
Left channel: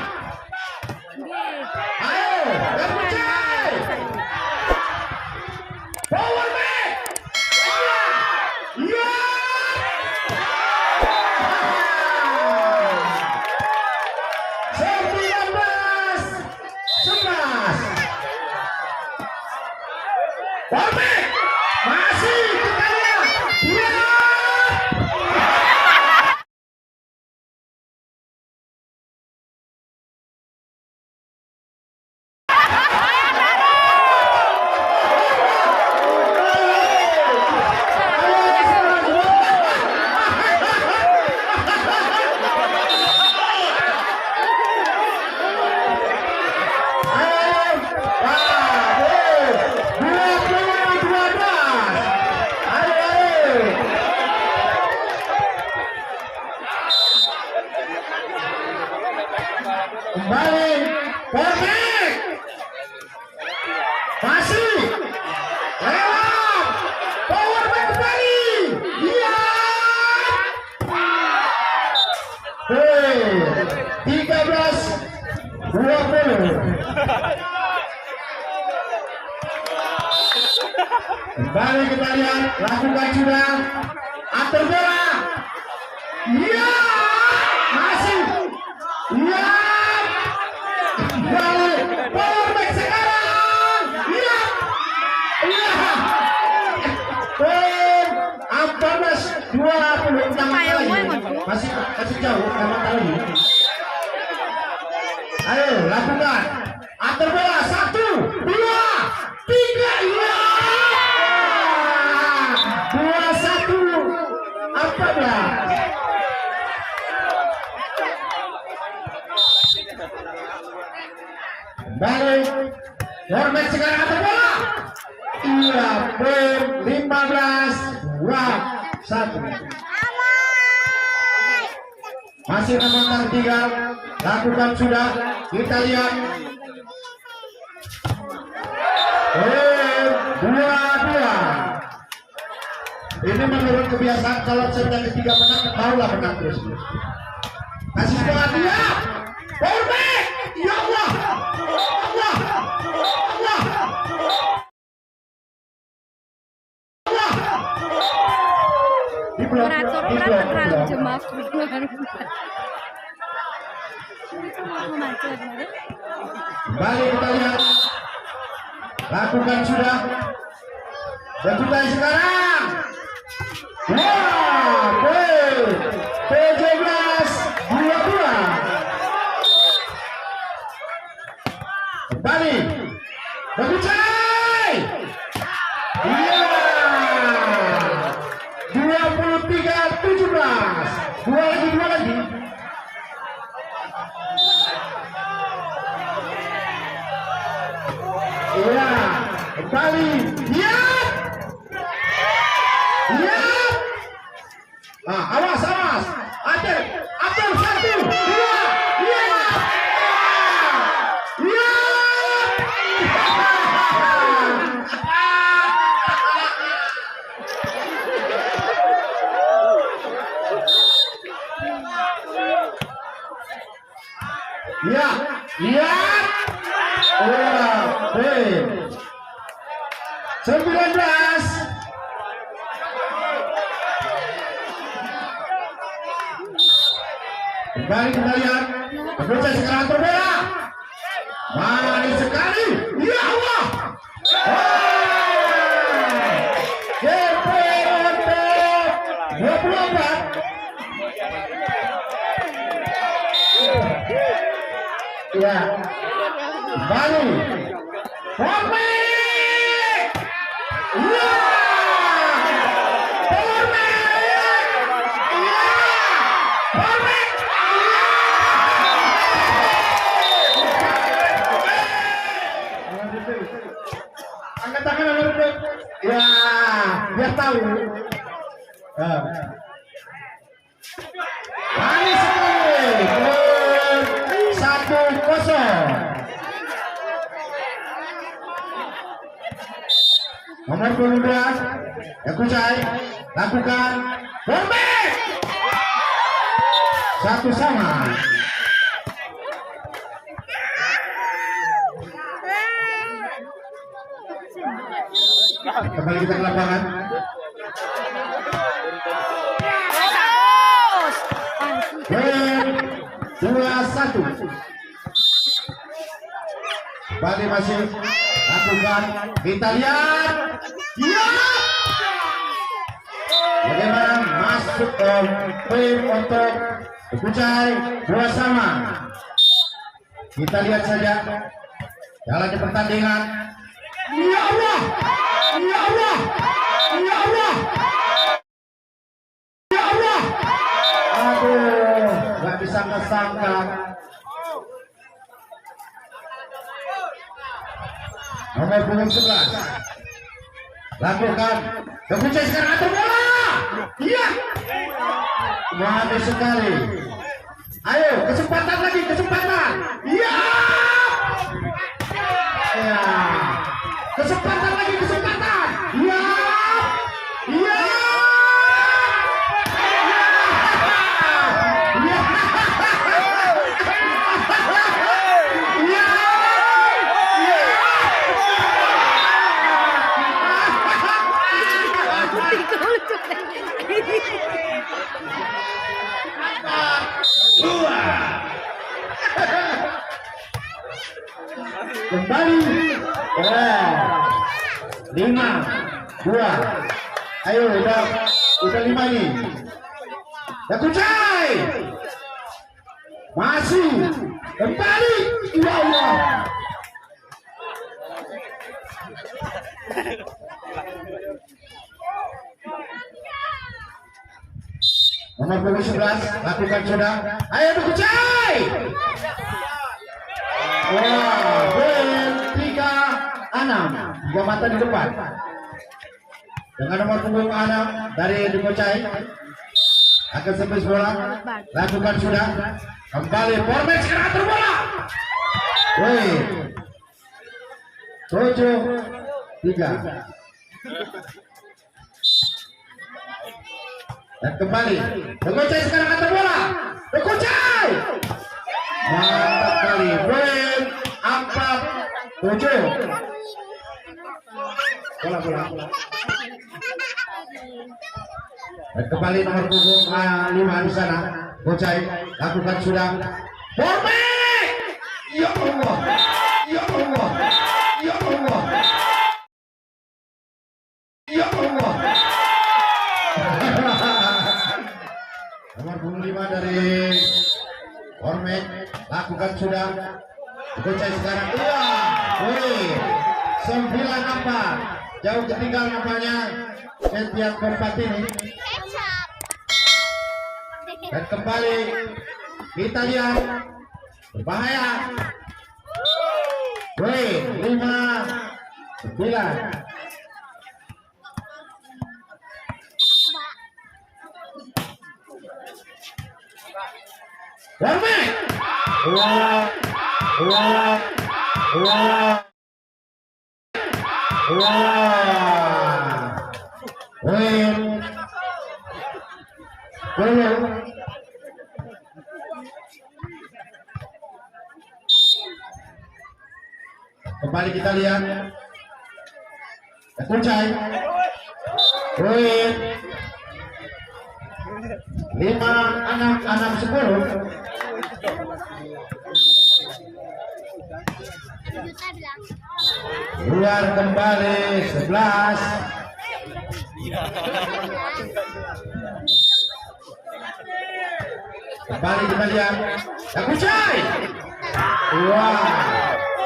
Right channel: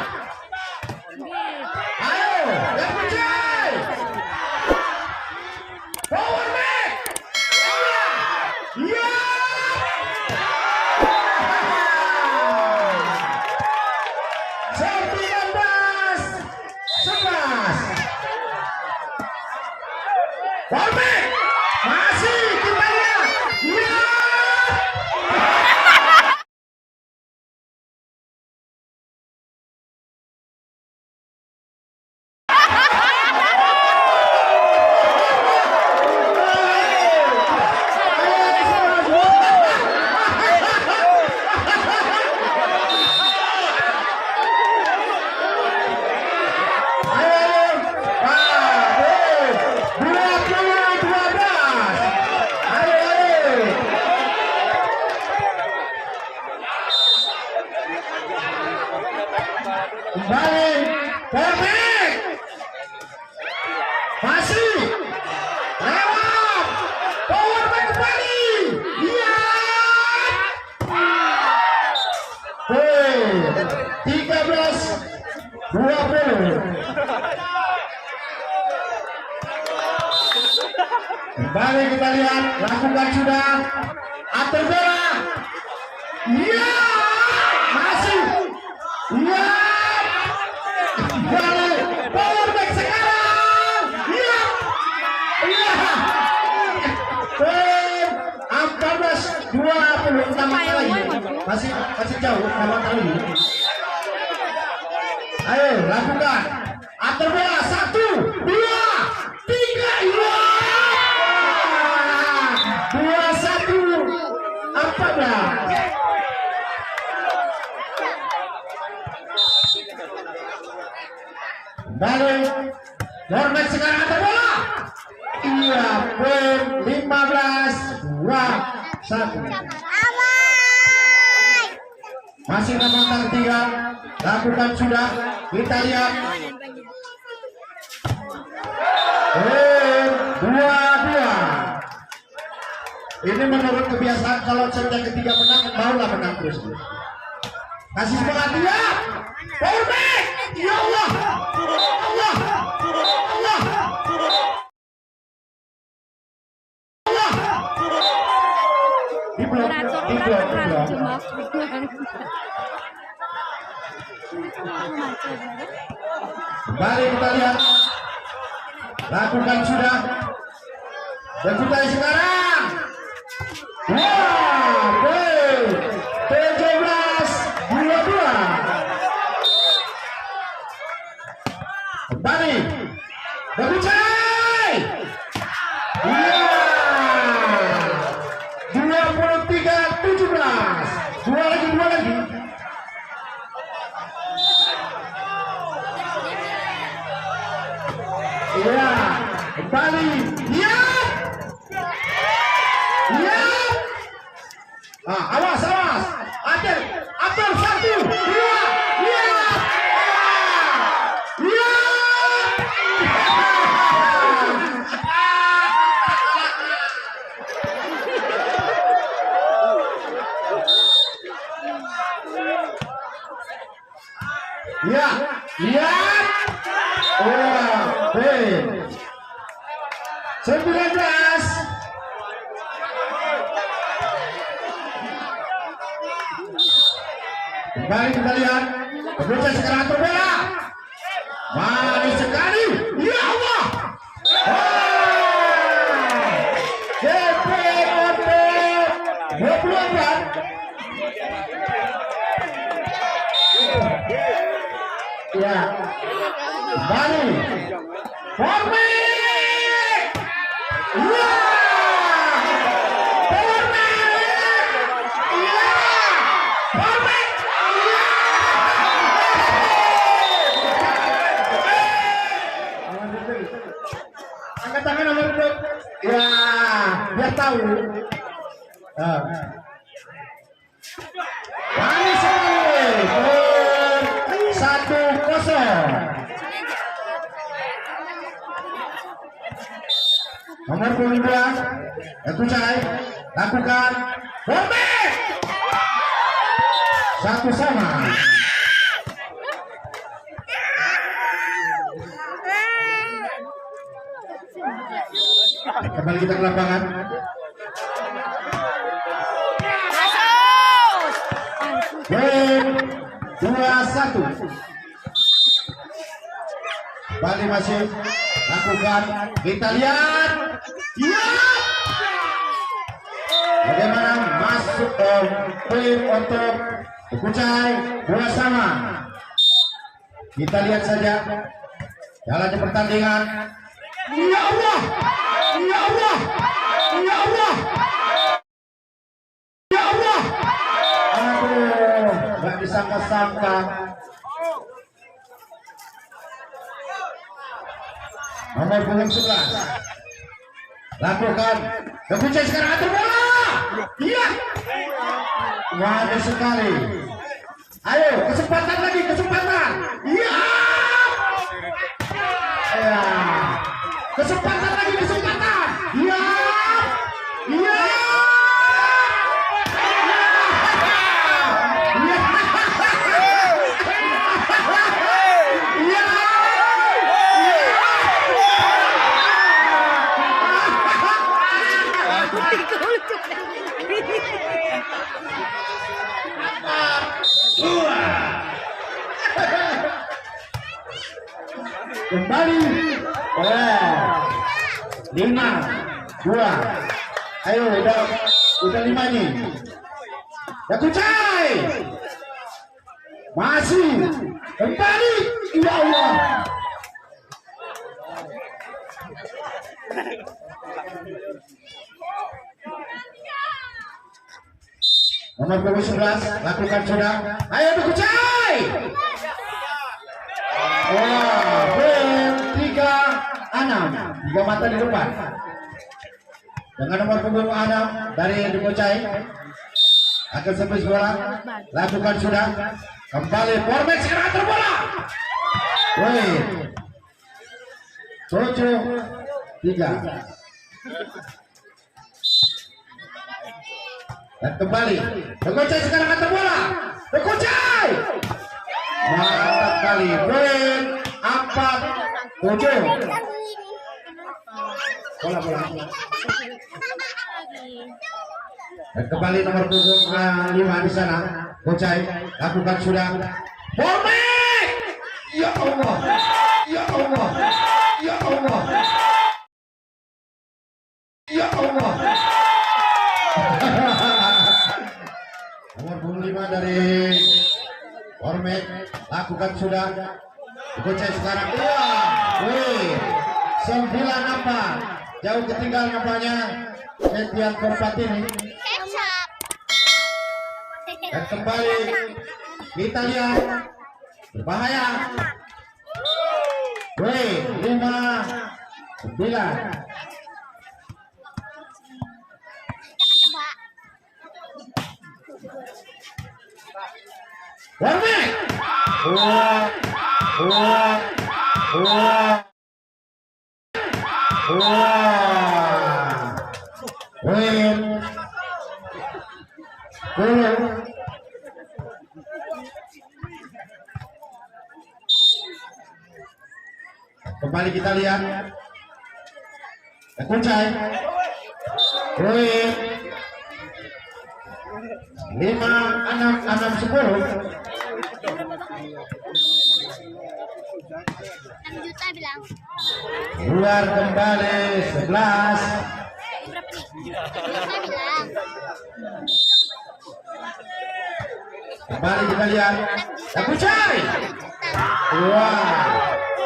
Ayo, yang Bucai. Power man. Iya. 19 11. Format. Masih kita lihat. Iya. Kembali, Format. Masih. Power man kembali. Iya. 13 20. Kembali kita lihat. Lakukan sudah. Atur bola. Iya. balik power back sekarang. Iya. Iya. 14-20 tambah lagi. Masih jauh tambah lagi. Ayo lakukan. Atur bola 1, 2, 3. Iya. 21 14. Balik Hornet sekarang ada bola. Iya, poin 15-21. Masih nomor 3. Lakukan sudah. Kita lihat. Poin 2-2. Ini menurut kebiasaan kalau sudah ketiga menang, maulah menang terus. Kasih bola dia. Power back. Ya Allah. Ya Allah. Ya Allah. Diblok. Kembali kita lihat. Lakukan sudah. Berjutai sekarang. Wow, 17-22. Kembali berjutai. Iya. 23-17. Dua lagi. Iya. Kembali. Iya. Iya. Awas. Atur 1, 2. Iya. Iya. Iya. 19. Kembali kembalian. Berjutai sekarang atur bola. Manis sekali. Ya Allah. DP untuk 24. Ya. Kembali. Hormat. Ya. Angkat tangan nomor 2. Ya, biar tahu. Manis sekali. 1-0. Nomor 22. Ekucai. Lakukan. Hormat. 1-1. Kembali kita ke lapangan. Poin 2-1. Bali masih lakukan. Kita lihat. Ya. Bagaimana masuk poin untuk Ekucai 2-2. Kita lihat saja jalannya pertandingan. Ya Allah. Ya Allah. Ya Allah. Ya Allah. Aduh, nggak disangka-sangka. Nomor 11. Lakukan. Ekucai sekarang atur bola. Iya. Bagus sekali. Ayo, kesempatan lagi, kesempatan. Iya. Ya. Kesempatan lagi, kesempatan. Iya. Iya. Iya. kembali. Oh, 5, 2. Ayo udah 5 nih. Kucai masih kembali. Ya Allah. Nomor punggung 11 lakukan sudah. Ayo Kucai. Wah, 3 mata di depan. Dengan nomor punggung 6 dari Kucai akan servis bola, lakukan sudah. Kembali Formek sekarang terbola. Woi, 7-3. Dan kembali Kucai sekarang akan terbola. Kucai mantap kali. Poin 4-7. Bola. Dan kembali nomor punggung 5 di sana. Kucai lakukan sudah. Formek. Ya Allah. Ya Allah. Ya Allah. Ya Allah. Nomor punggung 5 dari Formek lakukan sudah. Kucai sekarang. Woi. 9-4. Jauh ketinggalan nampaknya setiap keempat ini. Dan kembali kita lihat berbahaya. Woi, 5-9. Formek. Kembali kita lihat Kucai. 5-6-10. Luar kembali 11. Kembali kita lihat Kucai.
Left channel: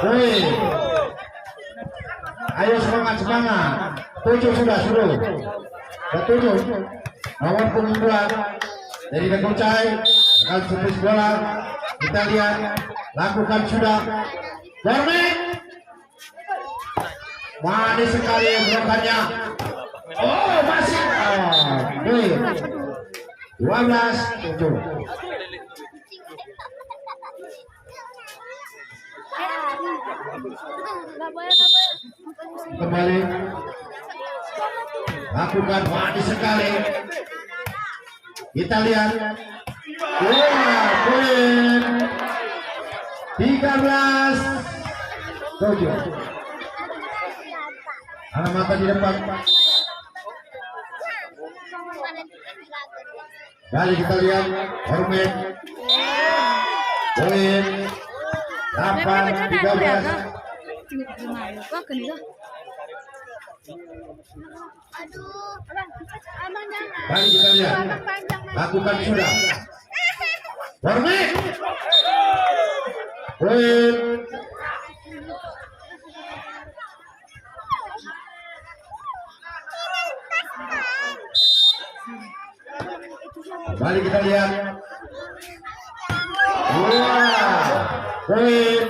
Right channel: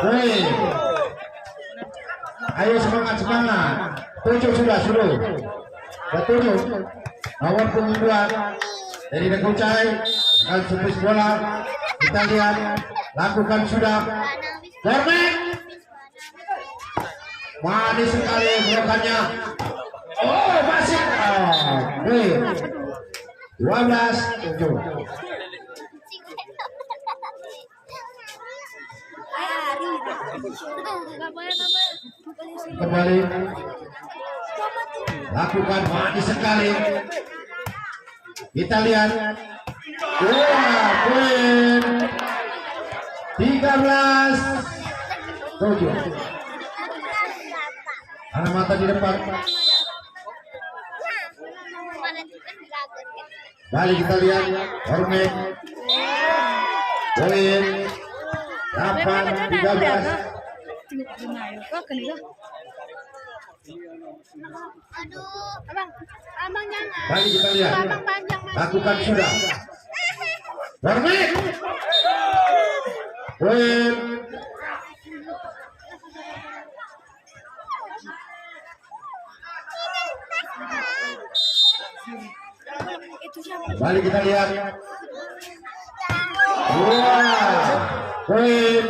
Woi. Ayo semangat. 7 sudah. Ya 7. Nomor punggung 2 dari Kucai akan servis bola. Kita lihat lakukan sudah. Formek. Manis sekali blokannya. Oh, masih. 12-7. Kembali lakukan manis sekali. Kita lihat. Poin 13-7. Anak mata di depan. Kembali kita lihat Formek. Poin 8-13. Abang jangan. Mari kita lihat. Lakukan sudah. Formek. Poin. Mari kita lihat. Poin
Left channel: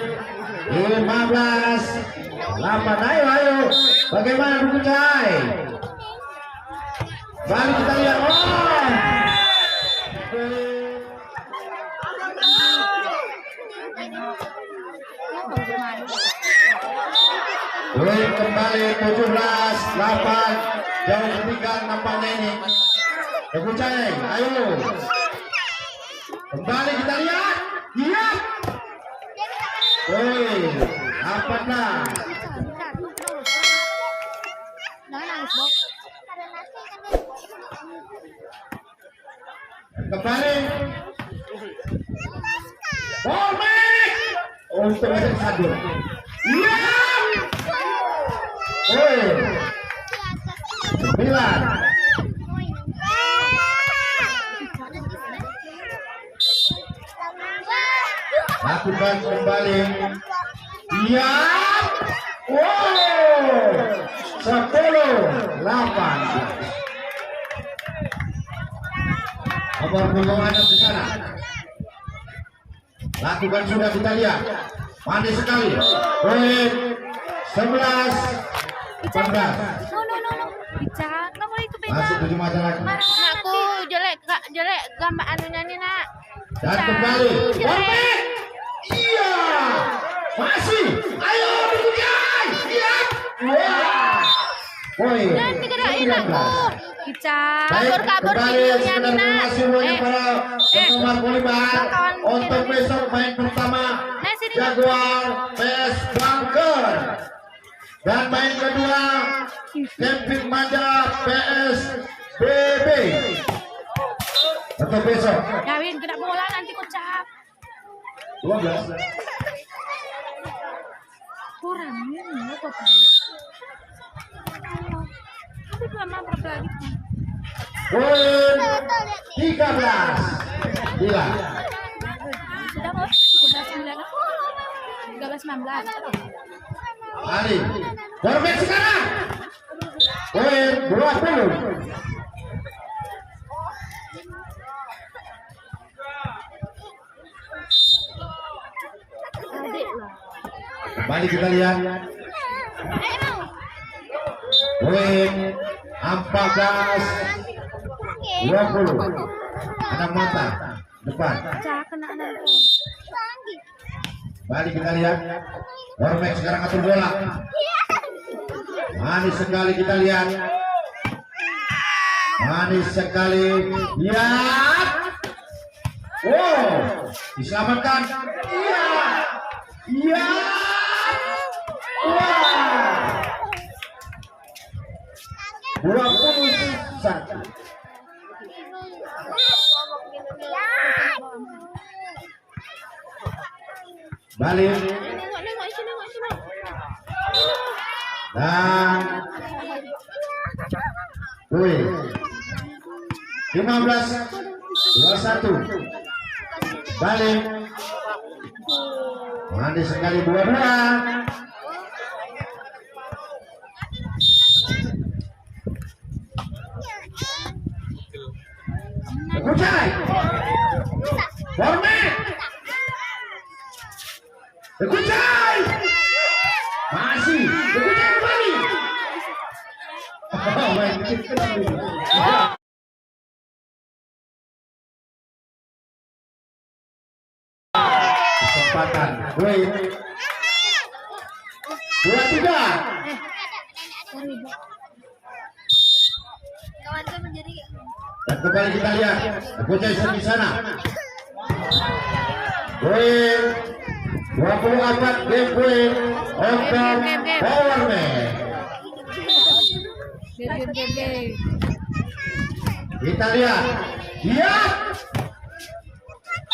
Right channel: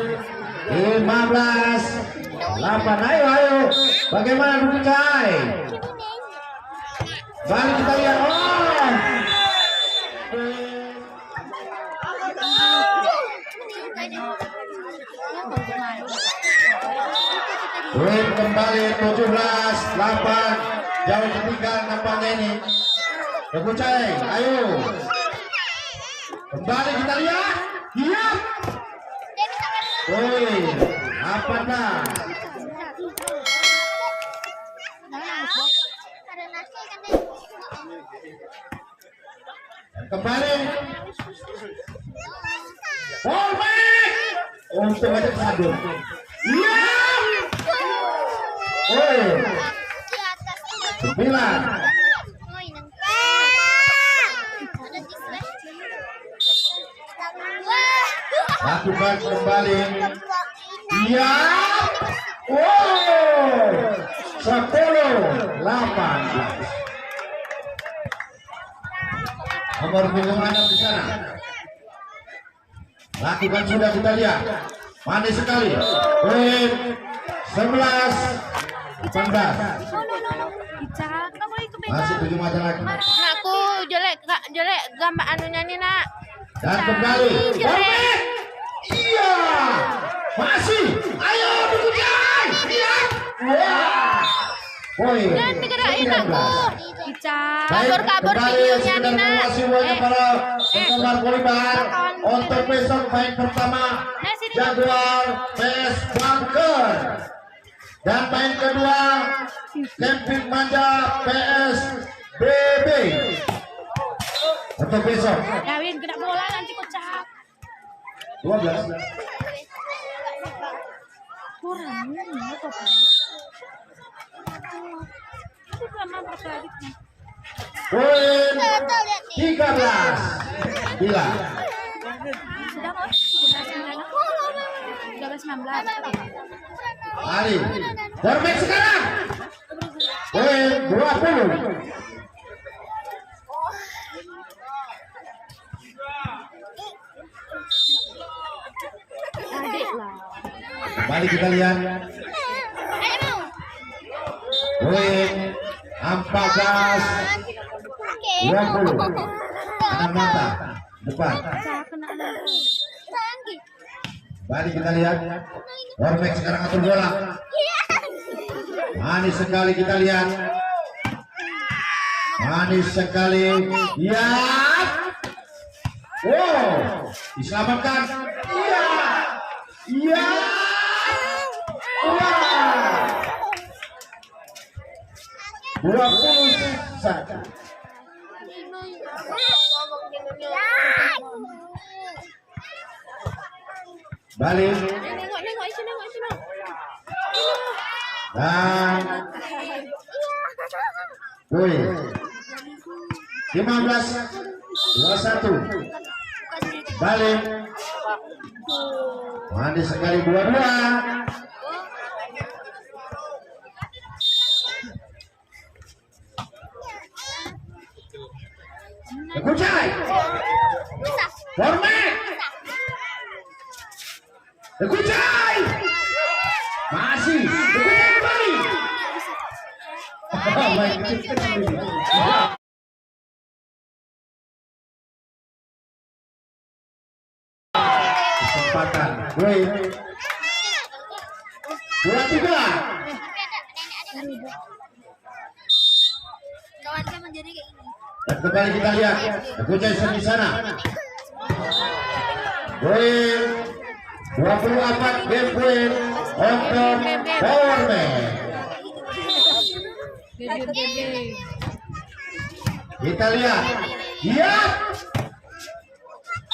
15-8. Ayo. Bagaimana Kucai? Mari kita lihat. Poin kembali 17-8. Jauh ketinggalan nampaknya ini. Kucai, ayo. Kembali kita lihat. Iya. Apa dah? Kembali. Formek. Untuk satu. Iya. Woi. 9. Lakukan kembali. Iya. Wow. 10-8. Nomor punggung di sana. Lakukan sudah kita lihat. Manis sekali. Poin 11. 14. No. Bicak, nggak boleh itu beda. Masih 7 mata lagi. Anakku jelek kak, jelek gambar anunya nih nak. Dan kembali. Perfect. Iya. Masih. Ayo dikejar. Iya. Wah. Poin. Jangan digerakin aku. Bicak. Kabur videonya nih nak. Semuanya para penggemar volleyball untuk besok main pertama Jaguar PS Bunker dan main kedua Camping Manja PS BB untuk besok Kawin kena bola nanti kocak. 12. Kurangnya nih kok. Tapi lama berapa lagi? Poin 13. Bila Sudah kok? 13-19. Ali Dormek sekarang poin 20. Adik lah. Kembali kita lihat poin 14-20. Anak mata depan. Bicak kena anak. Kembali kita lihat Dormek sekarang atur bola. Manis sekali kita lihat. Manis sekali. Ya. Wow. Diselamatkan. Iya. Iya. Wow. 21. Balik Nengok sini. dan poin 15-21. Balik. Manis sekali dua-dua. Kucai. Format. Kucai. Masih. Kucai kembali. Oh, baik. Kesempatan. Poin 23. Dan kembali kita lihat Kucai di sana. Poin 24 game poin untuk Powerman. Bebe. Kita lihat. Iya.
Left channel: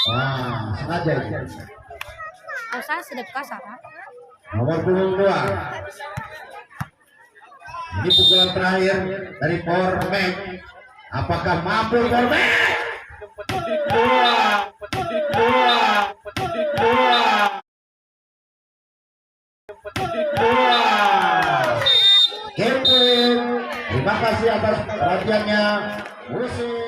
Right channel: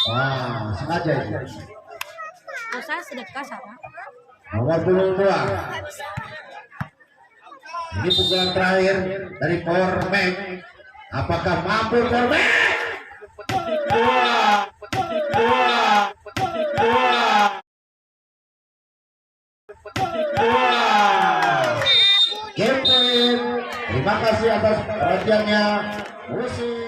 Wah, sengaja ini. Dosa sedekah Sarah. Nomor punggung 2. Ini pukulan terakhir dari Powerman. Apakah mampu Powerman? Terima kasih atas perhatiannya. Musik.